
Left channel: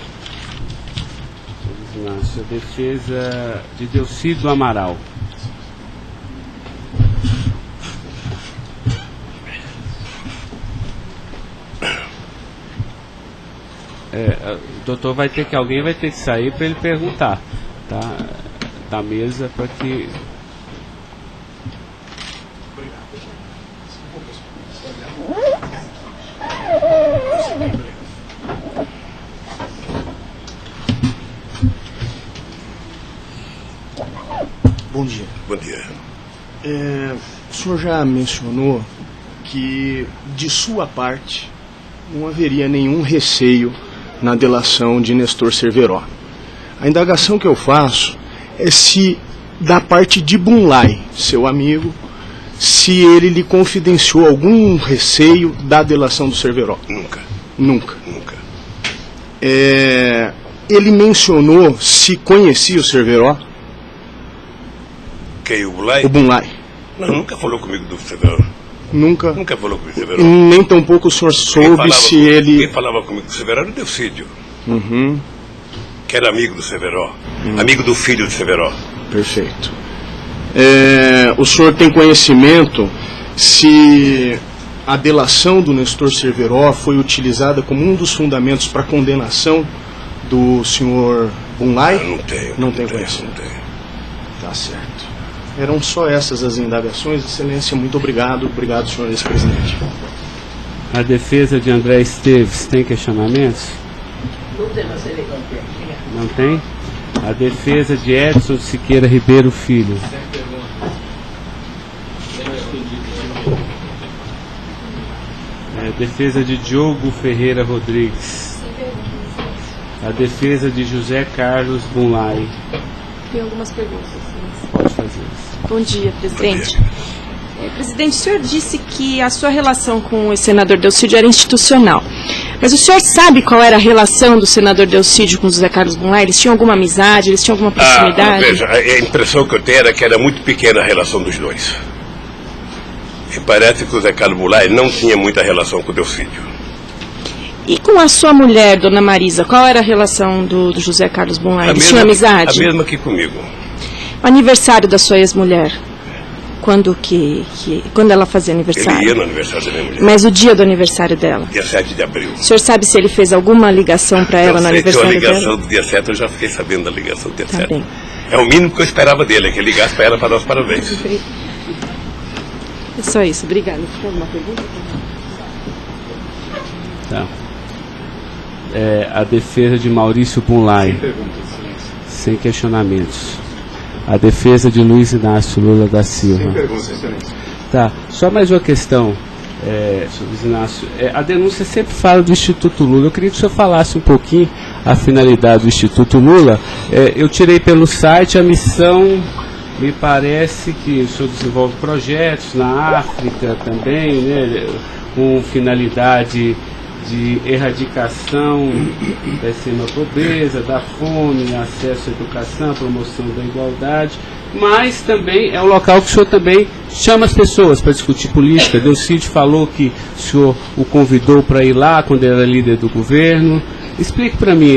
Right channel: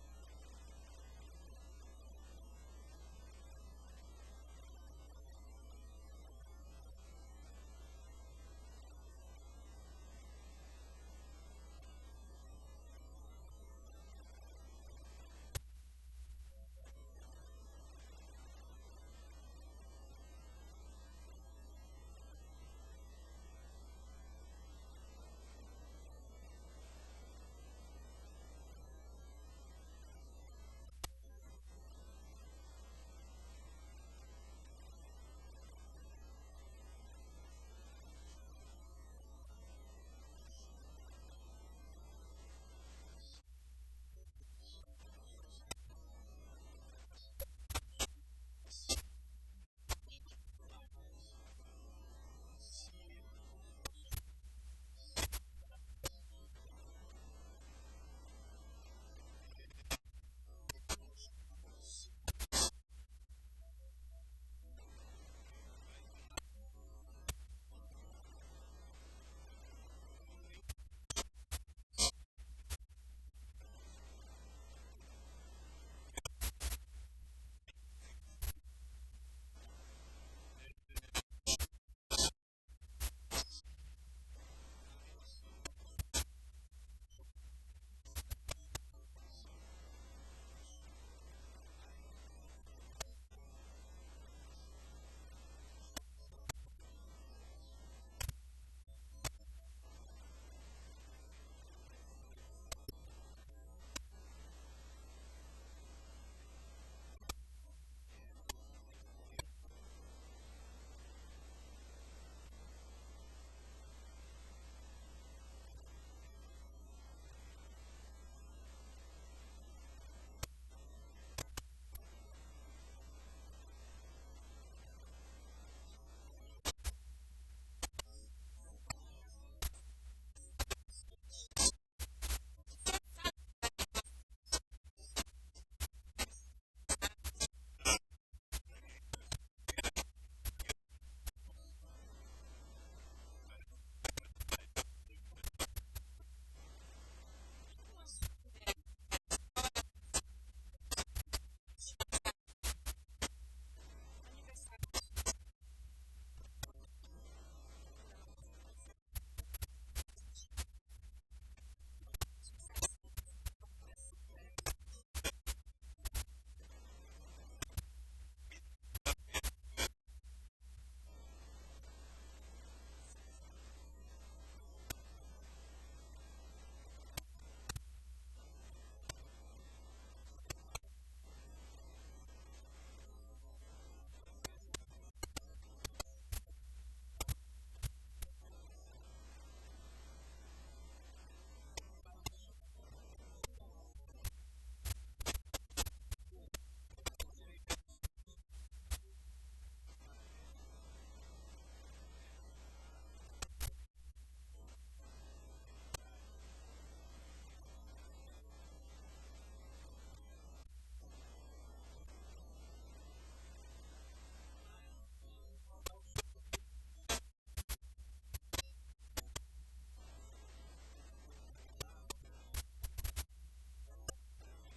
A sua defesa de Delcídio Amaral. O doutor vai ter que, alguém vai ter que sair para ele perguntar, tá? Da mesa para que... Bom dia. Bom dia. O senhor já mencionou que, de sua parte, não haveria nenhum receio na delação de Nestor Cerveró. A indagação que eu faço é se, da parte de Bunlai, seu amigo, se ele lhe confidenciou algum receio da delação do Cerveró. Nunca. Nunca. Nunca. Ele mencionou se conhecia o Cerveró? Quem, o Bunlai? O Bunlai. Não, nunca falou comigo do Cerveró. Nunca? Nunca falou comigo do Cerveró. Nem tampouco o senhor soube se ele... Quem falava comigo do Cerveró era o Delcídio. Uhum. Que era amigo do Cerveró. Amigo do filho do Cerveró. Perfeito. O senhor tem conhecimento se a delação do Nestor Cerveró foi utilizada como um dos fundamentos para a condenação do senhor Bunlai? Não tenho. Não tem conhecimento. Não tenho. Tá certo. Eram só essas as indagações. Excelência, muito obrigado. Obrigado, senhor ex-presidente. A defesa de André Esteves tem questionamentos? Não tem? A defesa de Edson Siqueira Ribeiro Filho. A defesa de Diogo Ferreira Rodrigues. A defesa de José Carlos Bunlai. Tem algumas perguntas. Pode fazer. Bom dia, presidente. Presidente, o senhor disse que a sua relação com o senador Delcídio era institucional. Mas o senhor sabe qual era a relação do senador Delcídio com o José Carlos Bunlai? Eles tinham alguma amizade? Eles tinham alguma proximidade? Veja, a impressão que eu tenho era que era muito pequena a relação dos dois. E parece que o José Carlos Bunlai não tinha muita relação com o Delcídio. E com a sua mulher, dona Marisa, qual era a relação do José Carlos Bunlai? Eles tinham amizade? A mesma que comigo. O aniversário da sua ex-mulher? Quando ela fazia aniversário? Ele ia no aniversário da minha mulher. Mas o dia do aniversário dela? Dia 7 de abril. O senhor sabe se ele fez alguma ligação para ela no aniversário dela? A ligação do dia 7, eu já fiquei sabendo da ligação do dia 7. Bem. É o mínimo que eu esperava dele, é que ele ligasse para ela para dar os parabéns. É só isso, obrigada. Tem alguma pergunta? Tá. A defesa de Maurício Bunlai. Sem questionamentos. A defesa de Luiz Inácio Lula da Silva. Sem perguntas, excelência. Tá. Só mais uma questão, Luiz Inácio. A denúncia sempre fala do Instituto Lula. Eu queria que o senhor falasse um pouquinho a finalidade do Instituto Lula. Eu tirei pelo site a missão. Me parece que o senhor desenvolve projetos na África também, né, com finalidade de erradicação da extrema pobreza, da fome, acesso à educação, promoção da igualdade, mas também é um local que o senhor também chama as pessoas para discutir política. Delcídio falou que o senhor o convidou para ir lá quando era líder do governo. Explique para mim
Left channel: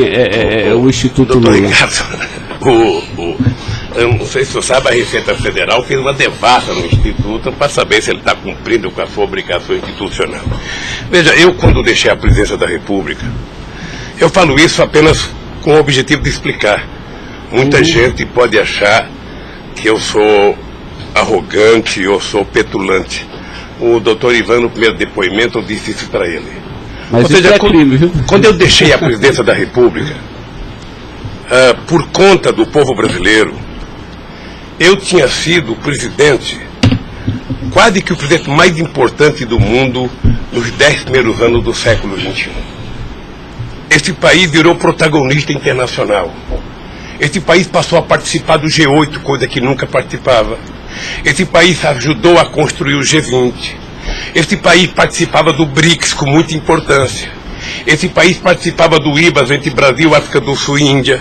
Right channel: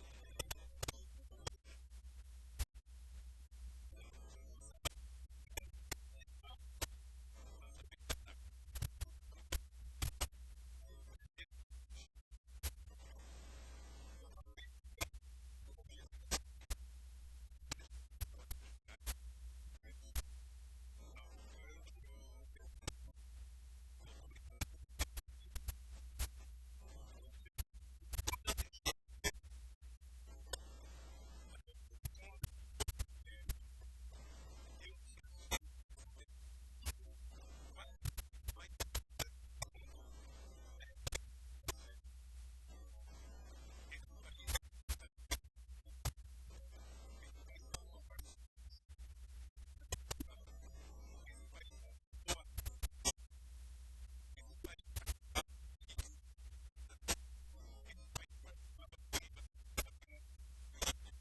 o Instituto Doutor Lula. Ricardo, Eu não sei se você sabe, a Receita Federal fez uma devassa no Instituto para saber se ele está cumprindo com a sua obrigação institucional. Veja, eu quando deixei a presidência da República, eu falo isso apenas com o objetivo de explicar. Muita gente pode achar que eu sou arrogante, eu sou petulante. O doutor Ivan, no primeiro depoimento, eu disse isso para ele. Mas ou seja, crime, viu? quando eu deixei a presidência da República, por conta do povo brasileiro, eu tinha sido presidente, quase que o presidente mais importante do mundo nos 10 primeiros anos do século XXI. Esse país virou protagonista internacional. Esse país passou a participar do G8, coisa que nunca participava. Esse país ajudou a construir o G20. Esse país participava do BRICS com muita importância. Esse país participava do IBAS entre Brasil, África do Sul e Índia.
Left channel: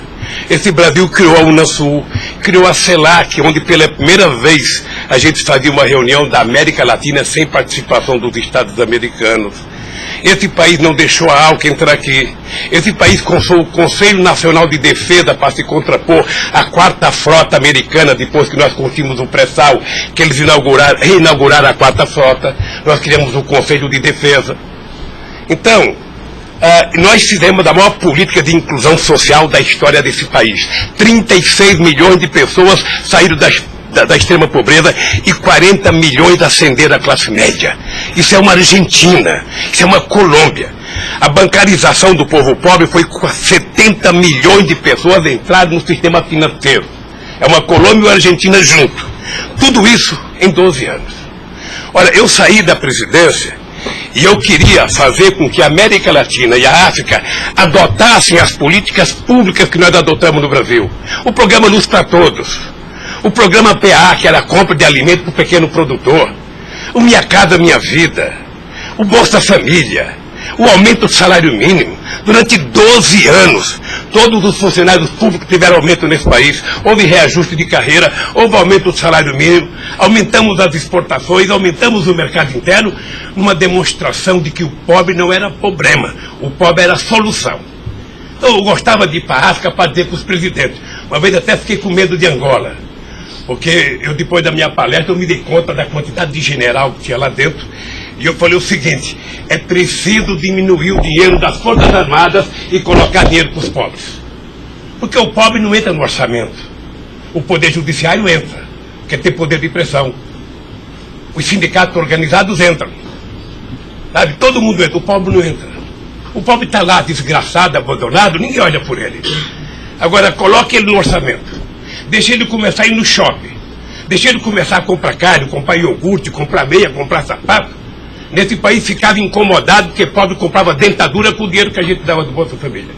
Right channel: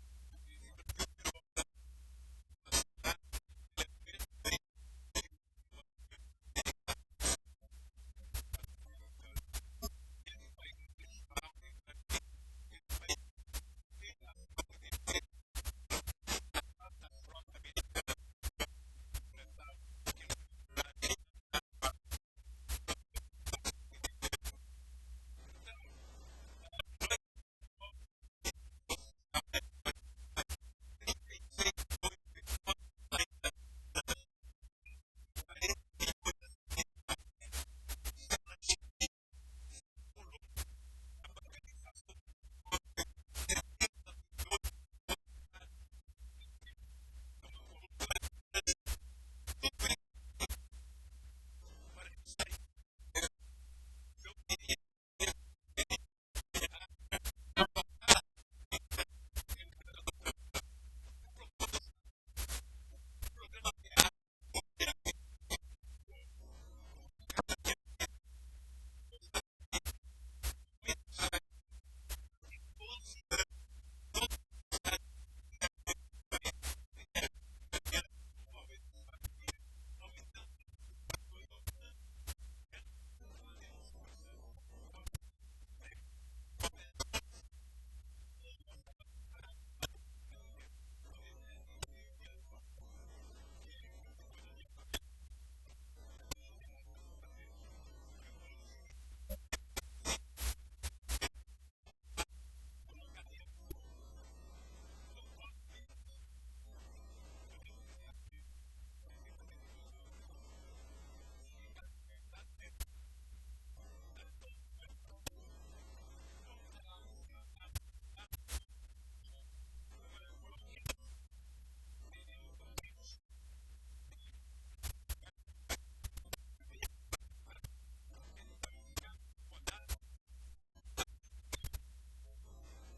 Esse Brasil criou a Unasul, criou a CELAC, onde pela primeira vez a gente fazia uma reunião da América Latina sem participação dos Estados americanos. Esse país não deixou a ALCA entrar aqui. Esse país consultou o Conselho Nacional de Defesa para se contrapor à 4ª Frota Americana, depois que nós conseguimos o pré-sal, que eles reinauguraram a 4ª Frota. Nós criamos o Conselho de Defesa. Então, nós fizemos a maior política de inclusão social da história desse país. 36 milhões de pessoas saíram da extrema pobreza e 40 milhões ascenderam à classe média. Isso é uma Argentina, isso é uma Colômbia. A bancarização do povo pobre foi com 70 milhões de pessoas entraram no sistema financeiro. É uma Colômbia e uma Argentina junto. Tudo isso em 12 anos. Olha, eu saí da presidência e eu queria fazer com que a América Latina e a África adotassem as políticas públicas que nós adotamos no Brasil. O programa Luz para Todos. O programa PA, que era a compra de alimento para o pequeno produtor. O Minha Casa Minha Vida. O Bolsa Família. O aumento do salário mínimo. Durante 12 anos, todos os funcionários públicos tiveram aumento nesse país. Houve reajuste de carreira, houve aumento do salário mínimo. Aumentamos as exportações, aumentamos o mercado interno, numa demonstração de que o pobre não era problema. O pobre era a solução. Então, eu gostava de ir para a África para dizer para os presidentes. Uma vez até fiquei com medo de Angola. Porque eu, depois da minha palestra, eu me dei conta da quantidade de general que tinha lá dentro. E eu falei o seguinte, é preciso diminuir o dinheiro das Forças Armadas e colocar dinheiro para os pobres. Porque o pobre não entra no orçamento. O Poder Judiciário entra, porque tem poder de pressão. Os sindicatos organizados entram. Sabe? Todo mundo entra, o pobre não entra. O pobre está lá, desgraçado, abandonado, ninguém olha por ele. Agora, coloque ele no orçamento. Deixa ele começar a ir no shopping. Deixa ele começar a comprar carne, comprar iogurte, comprar meia, comprar sapato. Nesse país ficava incomodado porque pobre comprava dentadura com o dinheiro que a gente dava do Bolsa Família.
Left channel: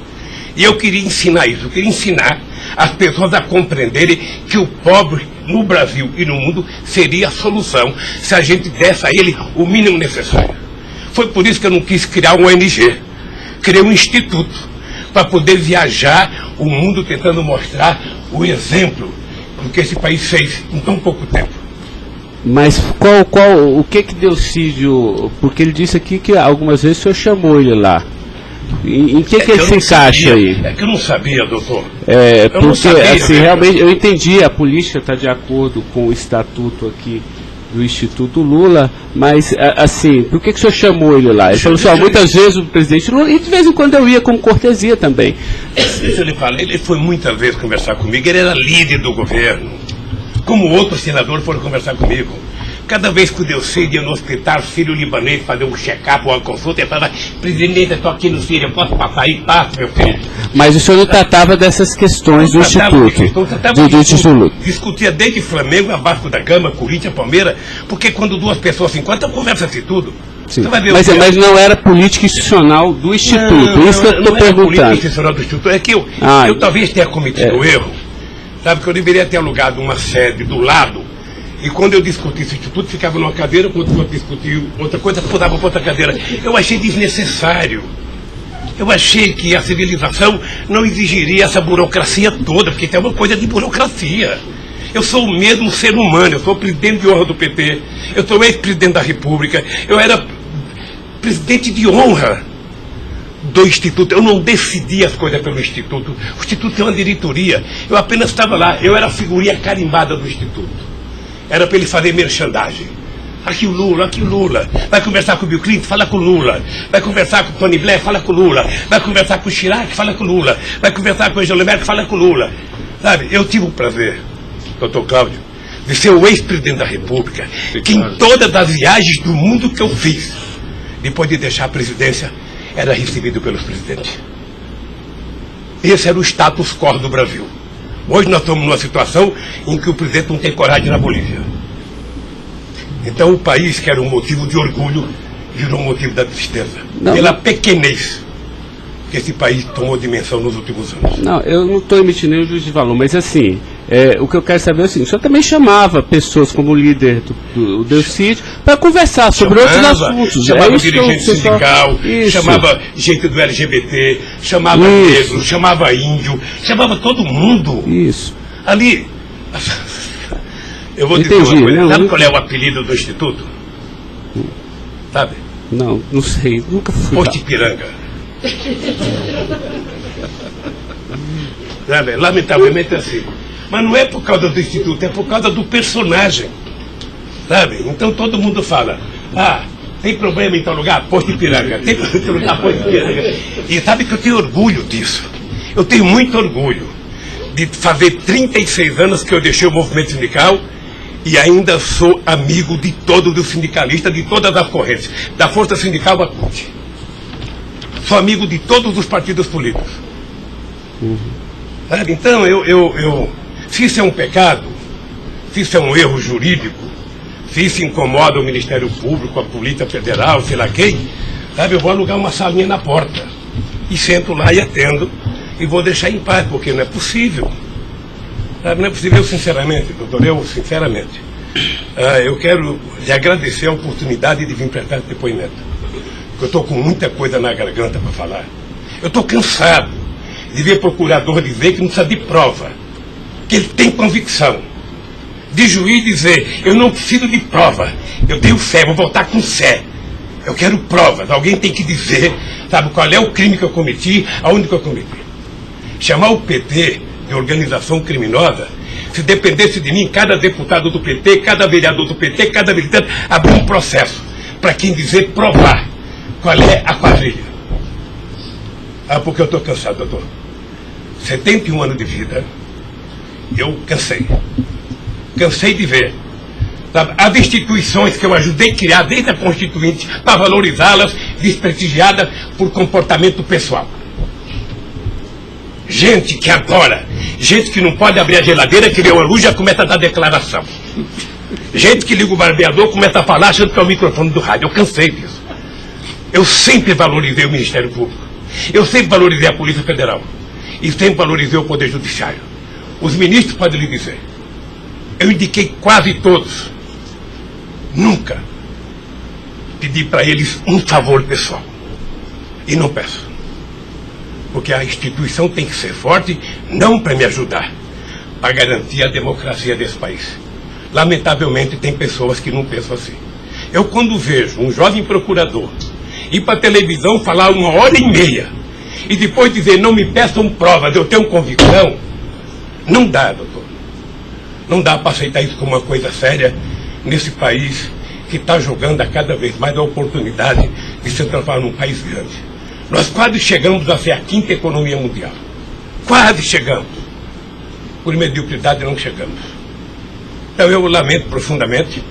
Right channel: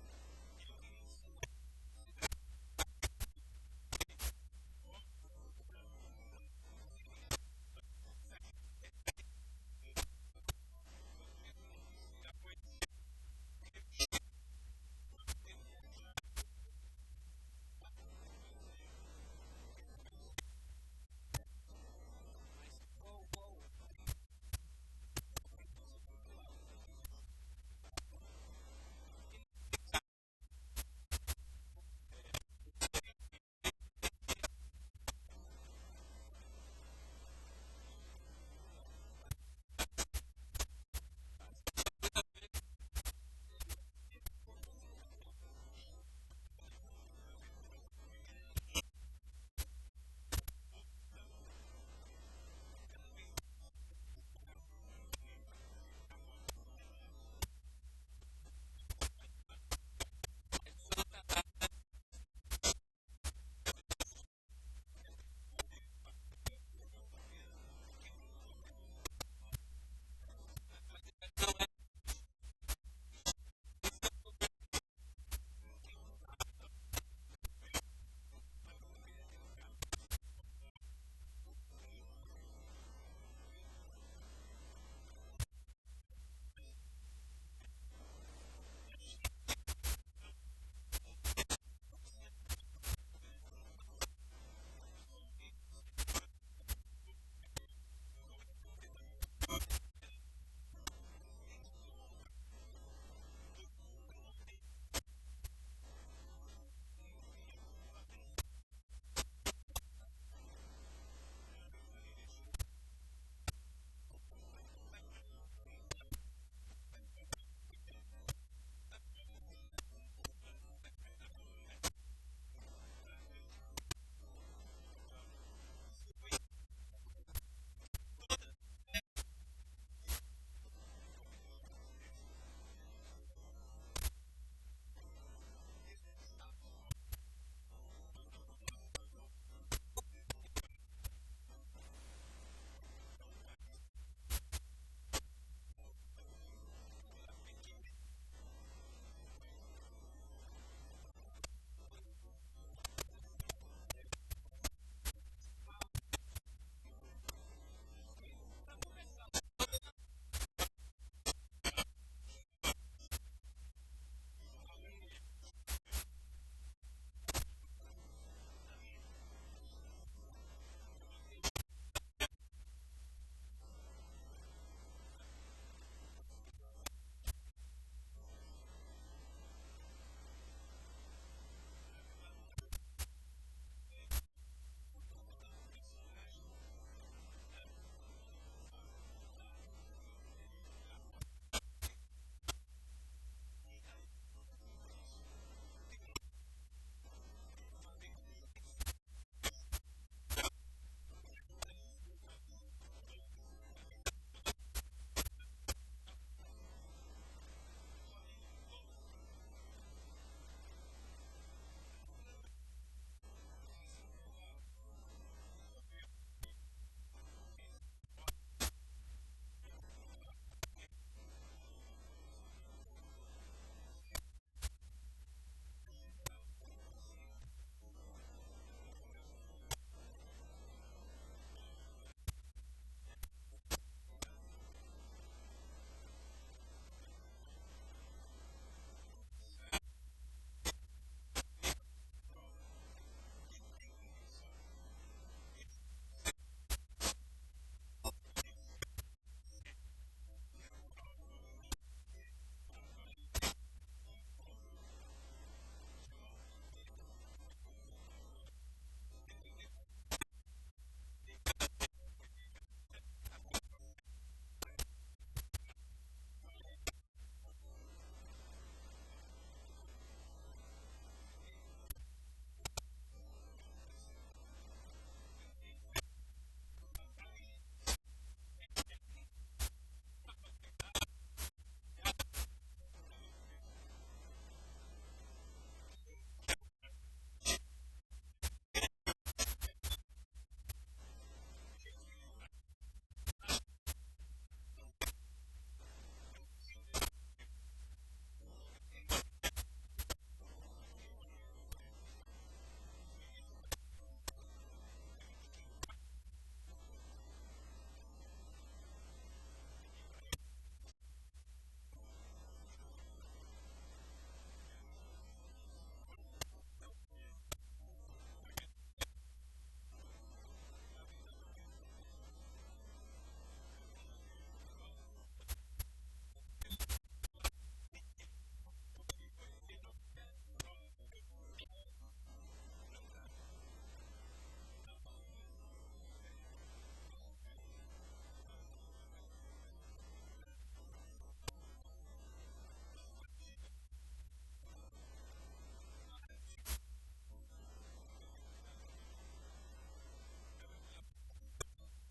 E eu queria ensinar isso, eu queria ensinar as pessoas a compreenderem que o pobre no Brasil e no mundo seria a solução se a gente desse a ele o mínimo necessário. Foi por isso que eu não quis criar uma ONG. Criei um instituto para poder viajar o mundo tentando mostrar o exemplo do que esse país fez em tão pouco tempo. Mas o que Delcídio, porque ele disse aqui que algumas vezes o senhor chamou ele lá. Em que ele se encaixa aí? É que eu não sabia, doutor. Porque sabia, assim, realmente eu entendi, a política está de acordo com o estatuto aqui do Instituto Lula, mas assim, por que o senhor chamou ele lá? Ele falou assim, muitas vezes o presidente Lula, e de vez em quando eu ia com cortesia também. Deixa eu lhe falar, ele foi muitas vezes conversar comigo, ele era líder do governo. Como outros senadores foram conversar comigo. Cada vez que o Delcídio ia no hospital sírio-libanês fazer um check-up ou uma consulta, ele falava, presidente, eu estou aqui no Sírio, eu posso passar aí? Passa, meu filho. Mas o senhor não tratava dessas questões do Instituto? Discutia desde Flamengo a Vasco da Gama, Corinthians, Palmeiras, porque quando duas pessoas se encontram, conversa-se tudo. Sim. Mas não era política institucional do Instituto, isso que eu estou perguntando. Não era política institucional do Instituto, é que eu talvez tenha cometido erro. Sabe que eu deveria ter alugado uma sede do lado, e quando eu discuti esse instituto, ficava numa cadeira, quando eu discutia outra coisa, mudava para outra cadeira. Eu achei desnecessário. Eu achei que a civilização não exigiria essa burocracia toda, porque isso é uma coisa de burocracia. Eu sou o mesmo ser humano, eu sou presidente de honra do PT, eu sou ex-presidente da República, eu era presidente de honra do Instituto. Eu não decidi as coisas pelo Instituto. O Instituto tem uma diretoria. Eu apenas estava lá. Eu era a figurinha carimbada do Instituto. Era para ele fazer merchandising. Aqui o Lula, aqui o Lula. Vai conversar com o Bill Clinton, fala com o Lula. Vai conversar com o Tony Blair, fala com o Lula. Vai conversar com o Chirac, fala com o Lula. Vai conversar com o Angela Merkel, fala com o Lula. Sabe, eu tive o prazer, doutor Cláudio, de ser o ex-presidente da República, que em todas as viagens do mundo que eu fiz, depois de deixar a presidência, era recebido pelos presidentes. Esse era o status quo do Brasil. Hoje nós estamos numa situação em que o presidente não tem coragem na Bolívia. Então o país, que era um motivo de orgulho, virou um motivo da tristeza. Pela pequenez que esse país tomou dimensão nos últimos anos. Não, eu não estou emitindo nenhum juízo de valor, mas assim, o que eu quero saber é o seguinte: o senhor também chamava pessoas como o líder do Delcídio para conversar sobre outros assuntos. Chamava dirigente sindical, chamava gente do LGBT, chamava negro, chamava índio, chamava todo mundo. Isso. Ali, eu vou dizer uma coisa, sabe qual é o apelido do Instituto? Sabe? Não sei, nunca fui. Posto Ipiranga. Sabe? Lamentavelmente é assim. Mas não é por causa do Instituto, é por causa do personagem. Sabe? Então todo mundo fala, tem problema em tal lugar? Posto Ipiranga. Tem problema em tal lugar? Posto Ipiranga. E sabe que eu tenho orgulho disso. Eu tenho muito orgulho de fazer 36 anos que eu deixei o movimento sindical e ainda sou amigo de todos os sindicalistas, de todas as correntes, da Força Sindical à CUT. Sou amigo de todos os partidos políticos. Sabe? Então, se isso é um pecado, se isso é um erro jurídico, se isso incomoda o Ministério Público, a Polícia Federal, sei lá quem, sabe, eu vou alugar uma salinha na porta e sento lá e atendo e vou deixar em paz, porque não é possível. Sabe? Não é possível. Eu, sinceramente, doutor, eu quero lhe agradecer a oportunidade de vir prestar esse depoimento. Eu estou com muita coisa na garganta para falar. Eu estou cansado de ver procurador dizer que não precisa de prova, que ele tem convicção. De juiz dizer, eu não preciso de prova, eu tenho fé, vou voltar com fé. Eu quero provas, alguém tem que dizer, sabe, qual é o crime que eu cometi, aonde que eu cometi. Chamar o PT de organização criminosa, se dependesse de mim, cada deputado do PT, cada vereador do PT, cada militante, abrir um processo para quem dizer provar qual é a quadrilha. Porque eu estou cansado, doutor. 71 anos de vida, eu cansei. Cansei de ver, sabe, as instituições que eu ajudei a criar desde a Constituinte, para valorizá-las, desprestigiadas por comportamento pessoal. Gente que adora, gente que não pode abrir a geladeira, que vê uma luz e já começa a dar declaração. Gente que liga o barbeador, começa a falar achando que é o microfone do rádio. Eu cansei disso. Eu sempre valorizei o Ministério Público. Eu sempre valorizei a Polícia Federal. E sempre valorizei o Poder Judiciário. Os ministros podem lhe dizer. Eu indiquei quase todos. Nunca pedi para eles um favor pessoal. E não peço. Porque a instituição tem que ser forte, não para me ajudar, para garantir a democracia desse país. Lamentavelmente, tem pessoas que não pensam assim. Eu, quando vejo um jovem procurador ir para a televisão falar 1h30 e depois dizer, não me peçam provas, eu tenho convicção, não dá, doutor. Não dá para aceitar isso como uma coisa séria nesse país que está jogando a cada vez mais a oportunidade de se transformar num país grande. Nós quase chegamos a ser a 5ª economia mundial. Quase chegamos. Por mediocridade não chegamos. Então eu lamento profundamente.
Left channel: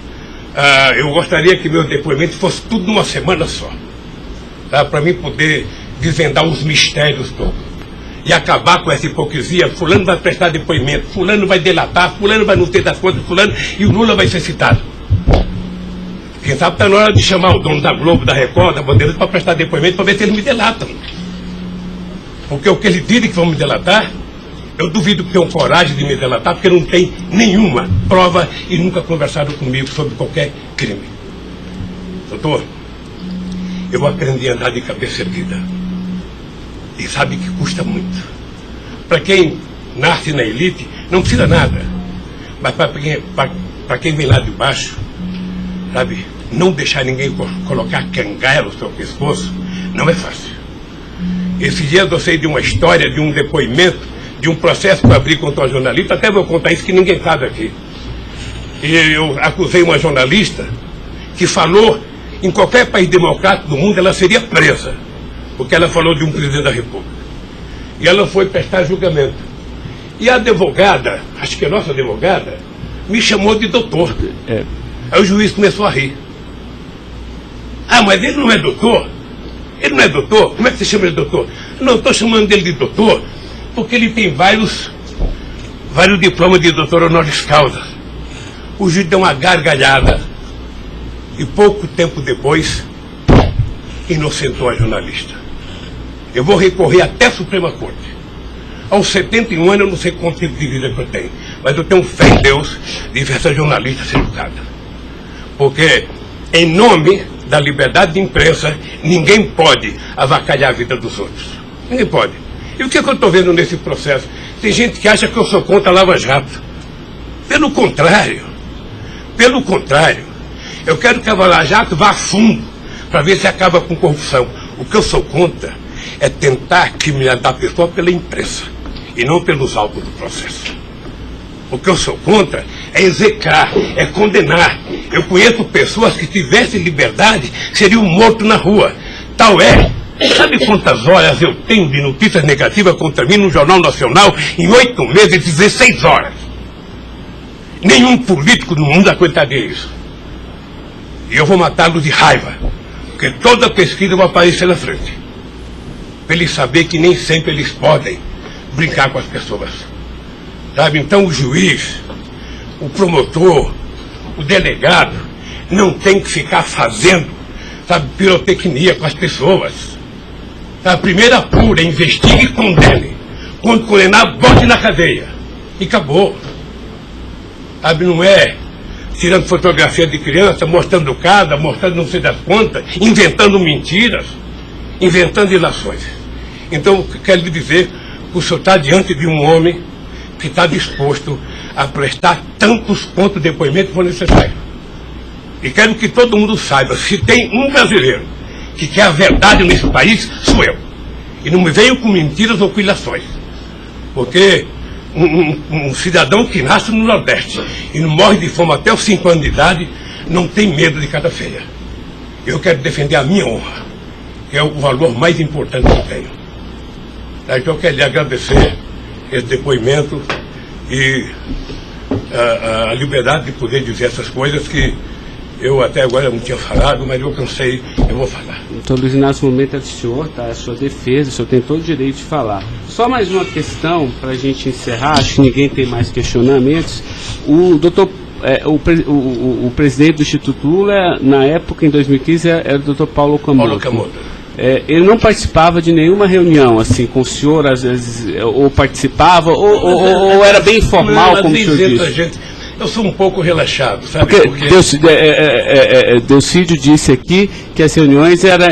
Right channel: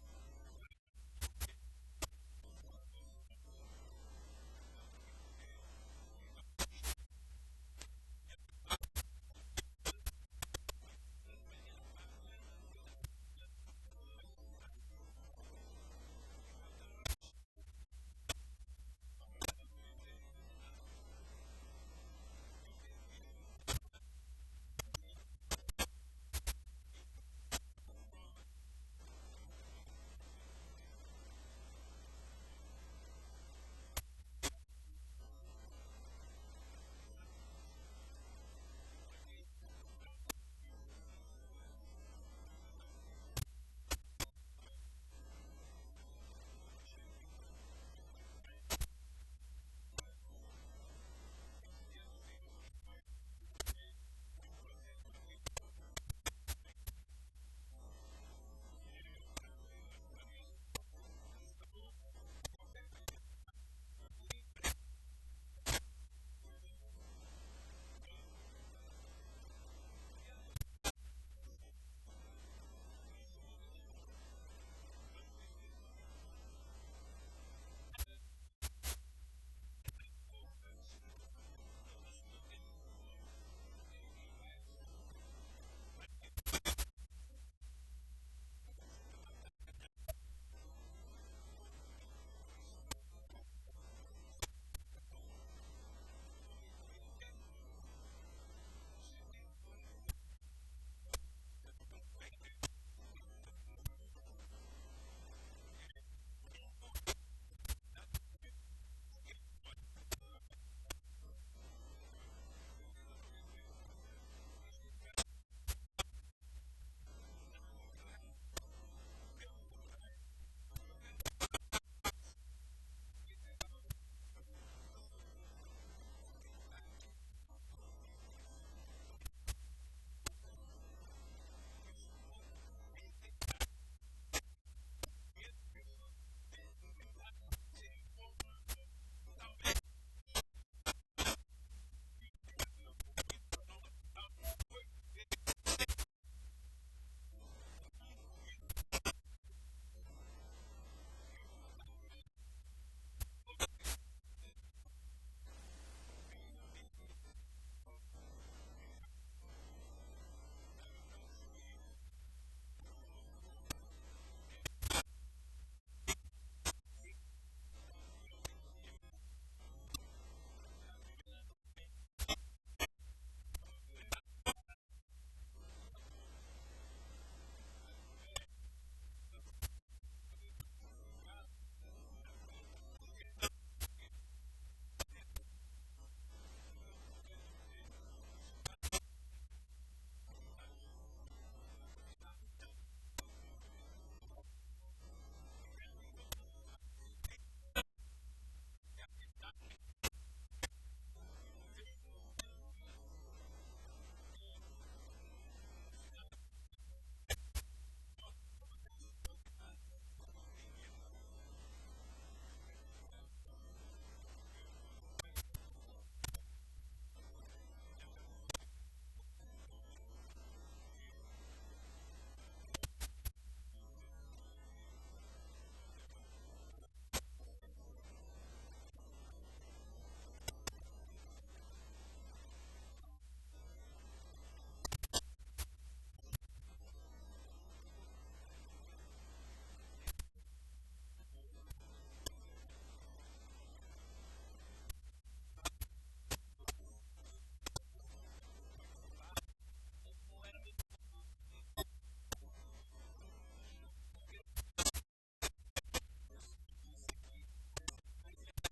Eu gostaria que meu depoimento fosse tudo numa semana só. Para mim poder desvendar os mistérios todos. E acabar com essa hipocrisia. Fulano vai prestar depoimento, fulano vai delatar, fulano vai não ter das contas, fulano, e o Lula vai ser citado. Quem sabe está na hora de chamar o dono da Globo, da Record, da Bandeirantes para prestar depoimento para ver se eles me delatam. Porque o que eles dizem que vão me delatar, eu duvido que tenham coragem de me delatar, porque não tem nenhuma prova e nunca conversaram comigo sobre qualquer crime. Doutor, eu aprendi a andar de cabeça erguida. E sabe que custa muito. Para quem nasce na elite, não precisa nada. Mas para quem vem lá de baixo, sabe, não deixar ninguém colocar cangaia no seu pescoço, não é fácil. Esses dias eu sei de uma história, de um depoimento, de um processo que eu abri contra uma jornalista, até vou contar isso que ninguém sabe aqui. E eu acusei uma jornalista que falou, em qualquer país democrático do mundo, ela seria presa, porque ela falou de um presidente da República. E ela foi prestar julgamento. E a advogada, acho que a nossa advogada, me chamou de doutor. Aí o juiz começou a rir. Ah, mas ele não é doutor? Ele não é doutor? Como é que você chama ele de doutor? Não, estou chamando dele de doutor porque ele tem vários diplomas de doutor honoris causa. O juiz deu uma gargalhada e pouco tempo depois inocentou a jornalista. Eu vou recorrer até a Suprema Corte. Aos 71 anos eu não sei quanto tempo de vida que eu tenho, mas eu tenho fé em Deus de ver essa jornalista ser educada. Porque em nome da liberdade de imprensa, ninguém pode avacalhar a vida dos outros. Ninguém pode. E o que eu estou vendo nesse processo? Tem gente que acha que eu sou contra a Lava Jato. Pelo contrário. Pelo contrário. Eu quero que a Lava Jato vá a fundo para ver se acaba com corrupção. O que eu sou contra é tentar criminalizar a pessoa pela imprensa e não pelos autos do processo. O que eu sou contra é execrar, é condenar. Eu conheço pessoas que tivessem liberdade seriam mortos na rua. Tal é. Sabe quantas horas eu tenho de notícias negativas contra mim no Jornal Nacional em 8 meses, 16 horas? Nenhum político no mundo aguentaria isso. E eu vou matá-los de raiva, porque toda pesquisa vai aparecer na frente. Para eles saberem que nem sempre eles podem brincar com as pessoas. Sabe? Então o juiz, o promotor, o delegado, não tem que ficar fazendo, sabe, pirotecnia com as pessoas. A primeira apura, investigue e condene. Quando condenar, bote na cadeia. E acabou. Sabe, não é tirando fotografia de criança, mostrando casa, mostrando não sei das quantas, inventando mentiras, inventando ilações. Então, eu quero lhe dizer que o senhor está diante de um homem que está disposto a prestar tantos quantos depoimentos for necessário. E quero que todo mundo saiba, se tem um brasileiro que quer a verdade nesse país, sou eu. E não me venham com mentiras ou com ilações. Porque um cidadão que nasce no Nordeste e não morre de fome até os 5 anos de idade, não tem medo de cara feia. Eu quero defender a minha honra, que é o valor mais importante que eu tenho. Então eu quero lhe agradecer esse depoimento e a liberdade de poder dizer essas coisas que eu até agora não tinha falado, mas eu cansei, eu vou falar. Doutor Luiz Inácio, o momento é do senhor, tá? A sua defesa, o senhor tem todo o direito de falar. Só mais uma questão para a gente encerrar, acho que ninguém tem mais questionamentos. O presidente do Instituto Lula, na época, em 2015, era o doutor Paulo Camoto. Ele não participava de nenhuma reunião, assim, com o senhor, às vezes, ou participava, ou era bem informal, como o senhor disse? Eu sou um pouco relaxado, sabe? Porque Delcídio disse aqui que as reuniões eram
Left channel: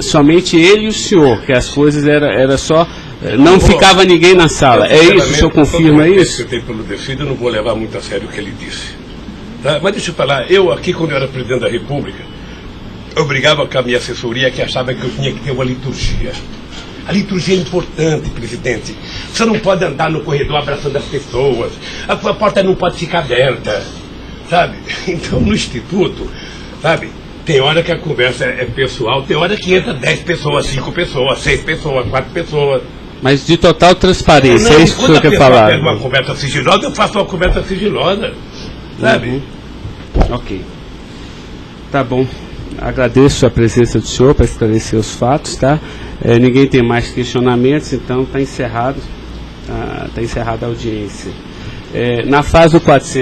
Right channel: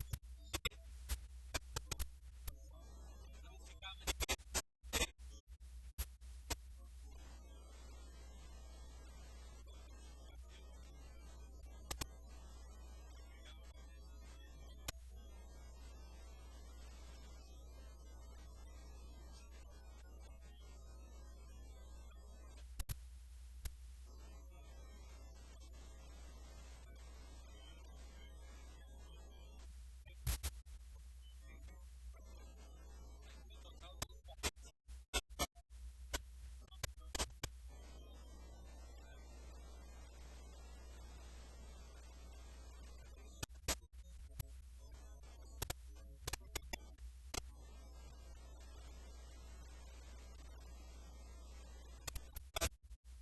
somente ele e o senhor, que as coisas era só... Não ficava ninguém na sala. É isso? O senhor confirma isso? Eu tenho pelo Delcídio, eu não vou levar muito a sério o que ele disse. Tá? Mas deixa eu falar, eu aqui, quando eu era presidente da República, eu brigava com a minha assessoria que achava que eu tinha que ter uma liturgia. A liturgia é importante, presidente. Você não pode andar no corredor abraçando as pessoas. A porta não pode ficar aberta, sabe? Então, no Instituto, sabe, tem hora que a conversa é pessoal, tem hora que entra 10 pessoas, 5 pessoas, 6 pessoas, 4 pessoas. Mas de total transparência, é isso que o senhor quer falar? Quando uma conversa sigilosa, eu faço uma conversa sigilosa, sabe? Ok. Tá bom. Agradeço a presença do senhor para esclarecer os fatos, tá? Ninguém tem mais questionamentos, então está encerrado a audiência. Na fase do 400.